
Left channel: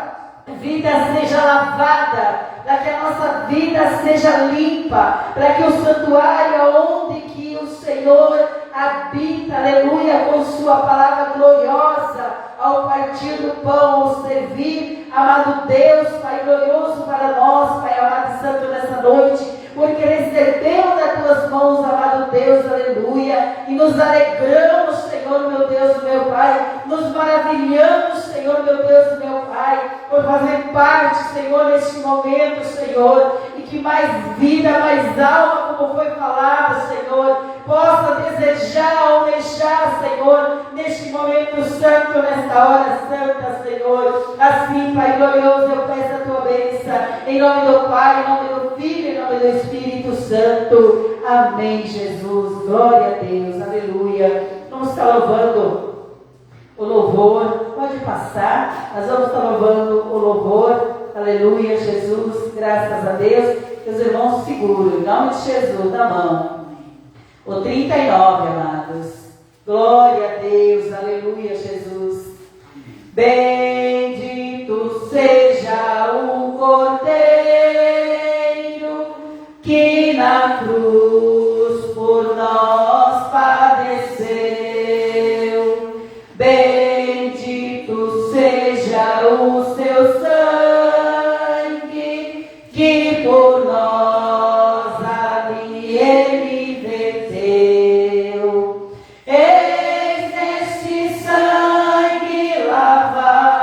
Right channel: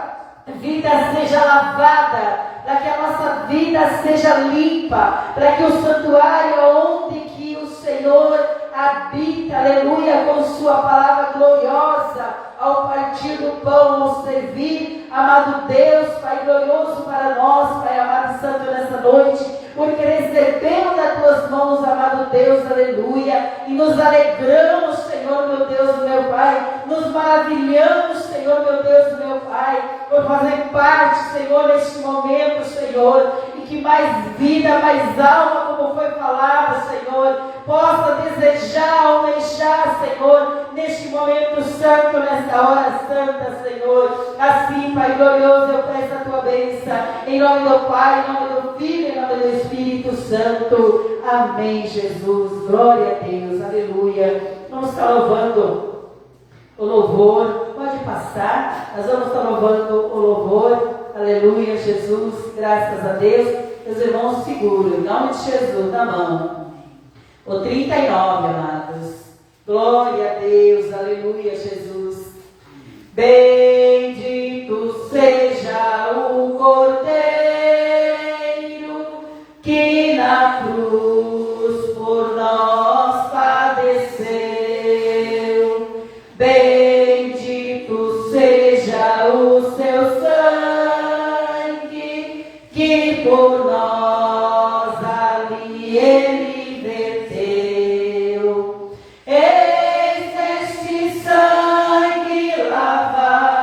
vida seja lavada, para que a nossa vida seja limpa, para que o santuário onde que o Senhor habita, aleluia, com sua palavra gloriosa, ao partir do pão, ao servir, amado Deus, Pai glorioso para nós, Pai amado e santo, nessa noite, porque recebemos das tuas mãos, amado Deus, aleluia, e nos alegramos, Senhor, meu Deus, meu Pai, nos maravilhamos, Senhor, meu Deus, meu Pai, por fazer parte, Senhor, neste momento, Senhor, e que mais vida, mais alma, como foi falado, Senhor, possa desejar, almejar, Senhor, neste momento santo, nesta hora santa, Senhor, assim, Pai glorioso, eu peço a tua bênção, em nome do Pai, em nome do Filho, em nome do Espírito Santo, amém, Jesus, glória a Deus, aleluia. Vamos estar louvando o louvor, pode passar, nós vamos estar louvando o louvor, aleluia, Jesus, graças a Deus. Meus irmãos, seguram, em nome de Jesus, na mão, o 39, amados, glória a Deus, aleluia, Jesus. Bendito seja o Cordeiro que na cruz por nós padeceu. Bendito seja o seu sangue que por nós ali ele verteu. Eis este sangue lavado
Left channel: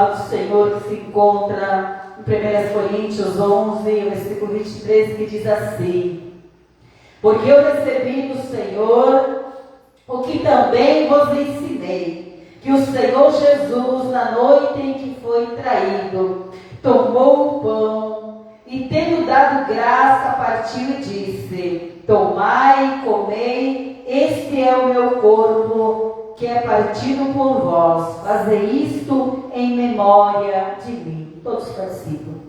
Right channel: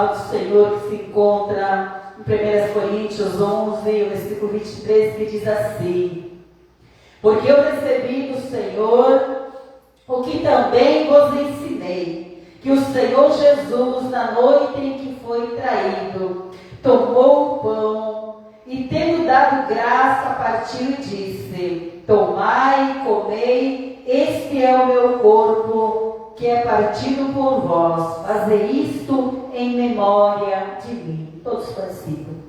palavra do Senhor que se encontra em 1 Coríntios 11, o versículo 23, que diz assim: porque eu recebi do Senhor o que também vos ensinei, que o Senhor Jesus, na noite em que foi traído, tomou o pão e, tendo dado graça, partiu e disse: tomai e comei, este é o meu corpo, que é partido por vós. Fazei isto em memória de mim. Todos participam.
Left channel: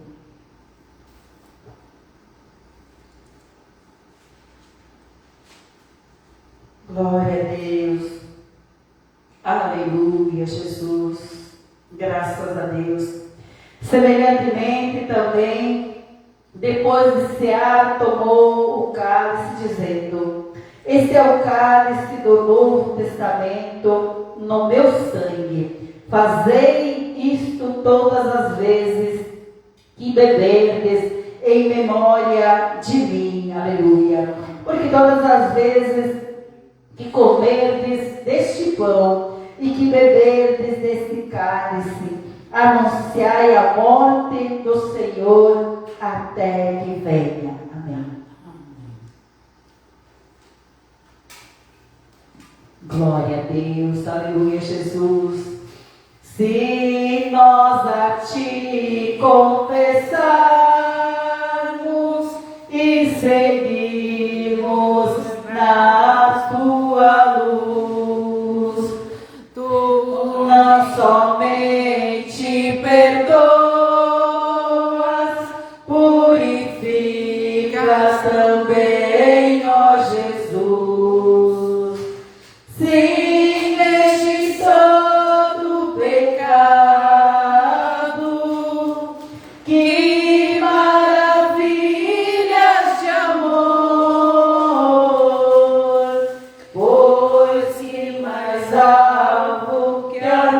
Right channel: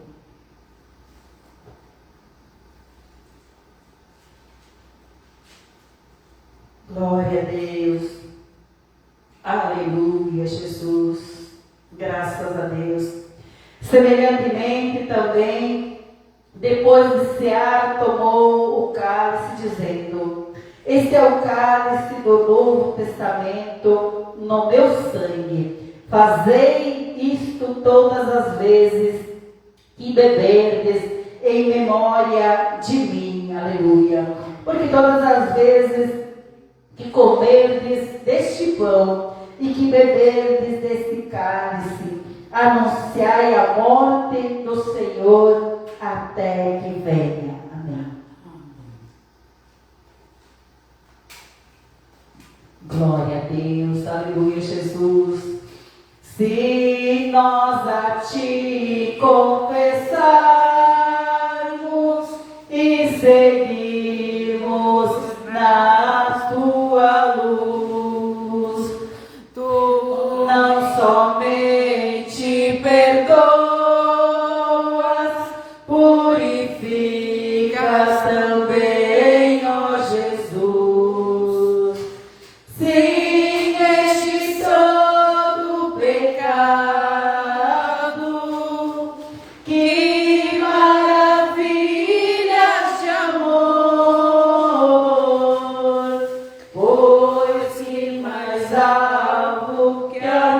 Glória a Deus. Aleluia, Jesus. Graças a Deus. Semelhantemente também, depois de cear, tomou o cálice, dizendo: este é o cálice do Novo Testamento no meu sangue. Fazei isto todas as vezes que beberdes, em memória de mim. Aleluia. Porque todas as vezes que comerdes deste pão e que beberdes deste cálice, anunciai a morte do Senhor até que venha. Amém. Glória a Deus, aleluia, Jesus. Se nós a ti confessarmos e seguirmos na tua luz, tu não somente perdoas, purificas também, ó Jesus. Sim, este todo pecado, que maravilhas de amor, pois que mais alvo que a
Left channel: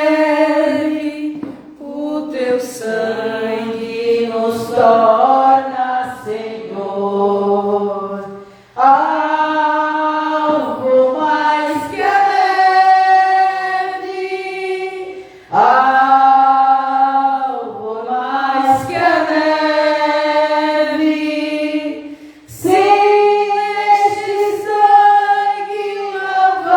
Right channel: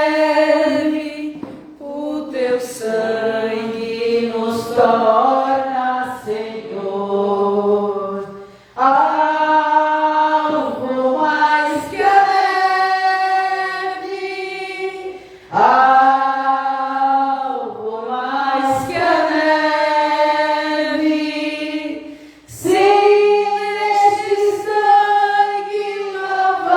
neve, o teu sangue nos torna, Senhor. Alvo mais que a neve, alvo mais que a neve, sim, neste sangue lavado,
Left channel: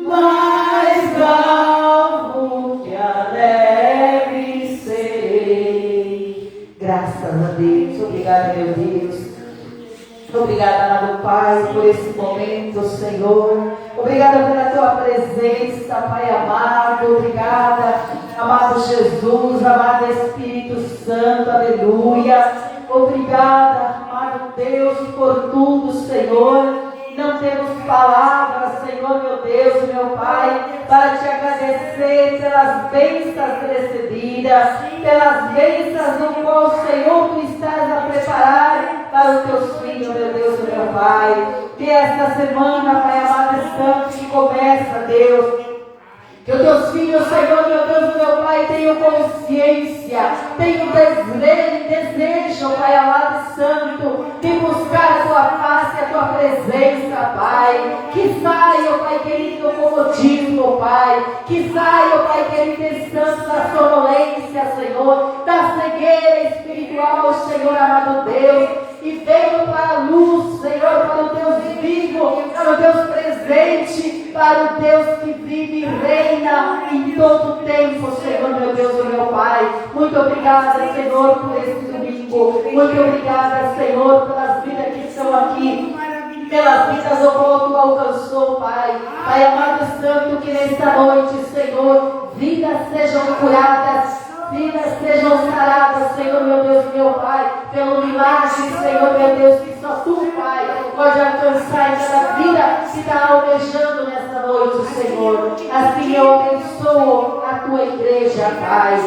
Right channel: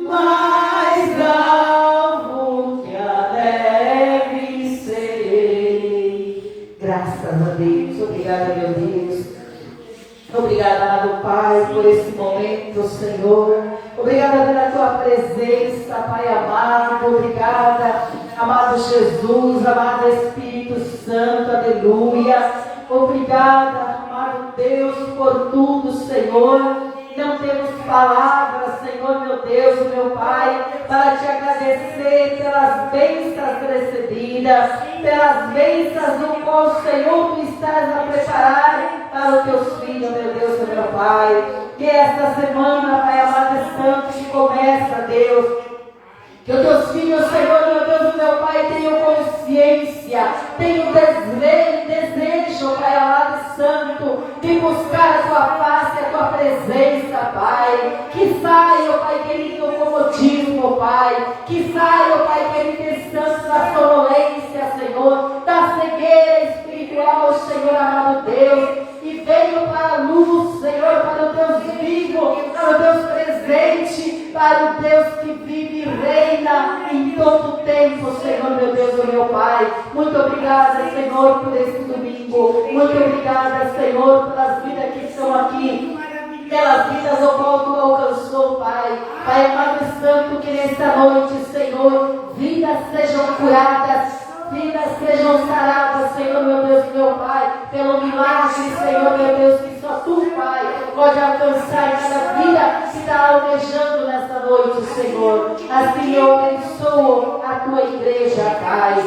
mais alvo que a neve serei. Graças a Deus, obrigada, meu Deus. Obrigada, amado Pai, por esse momento, Senhor. Obrigada pela tua presença, Pai amado. Obrigada, amado Jesus, amado Espírito Santo, aleluia. Obrigada, amado Deus, por tudo, Senhor. Não temos palavras, Senhor, meu Deus e meu Pai, para te agradecer pelas bênçãos recebidas, pelas bênçãos do qual, Senhor, tu estás a preparar para os teus filhos, meu Deus e meu Pai. Que esta semana, Pai amado e santo, que começa, Deus, que os teus filhos, Senhor, meu Deus e meu Pai, tenham consciência, tenham desejo, Pai amado e santo, de buscar a tua face, a tua presença, Pai. Que saia, Pai querido, do comodismo, Pai. Que saia, Pai querido, descanso da sonolência, Senhor, da cegueira espiritual, Senhor amado Deus. E venham para a luz, Senhor, para o Deus vivo, para o Deus presente, para o Deus que vive e reina em todo o tempo, Senhor, meu Deus e meu Pai. Muito obrigada, Senhor, por esse domingo. Muito obrigada, Senhor, pelas vidas que estão aqui, pelas vidas ao qual tu alcançou, Pai. Pai amado e santo, que nesta noite, Senhor, vidas sejam curadas, vidas sejam saradas, Senhor, meu Deus e meu Pai, pelo milagre, Senhor, meu Deus, que só tu, Pai, pode alcançar em cada vida que está almejando nessa noite, Senhor. Assim eu abençoo a tua igreja, Pai.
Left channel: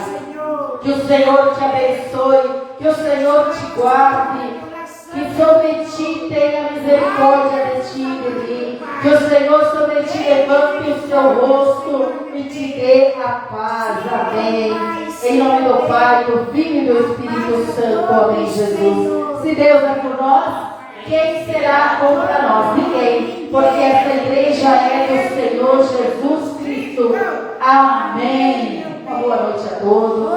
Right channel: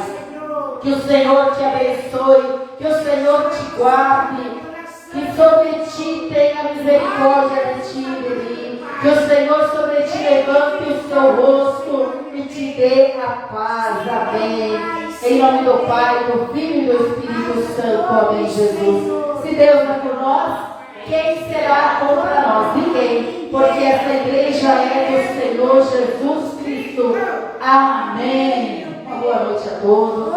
Que o Senhor te abençoe, que o Senhor te guarde, que sobre ti tenha misericórdia de ti e de mim. Que o Senhor sobre ti levante o seu rosto e te dê a paz. Amém. Em nome do Pai, do Filho e do Espírito Santo. Amém, Jesus. Se Deus é por nós, quem será contra nós? Ninguém. Porque essa igreja é do Senhor Jesus Cristo. Amém. Uma boa noite a todos.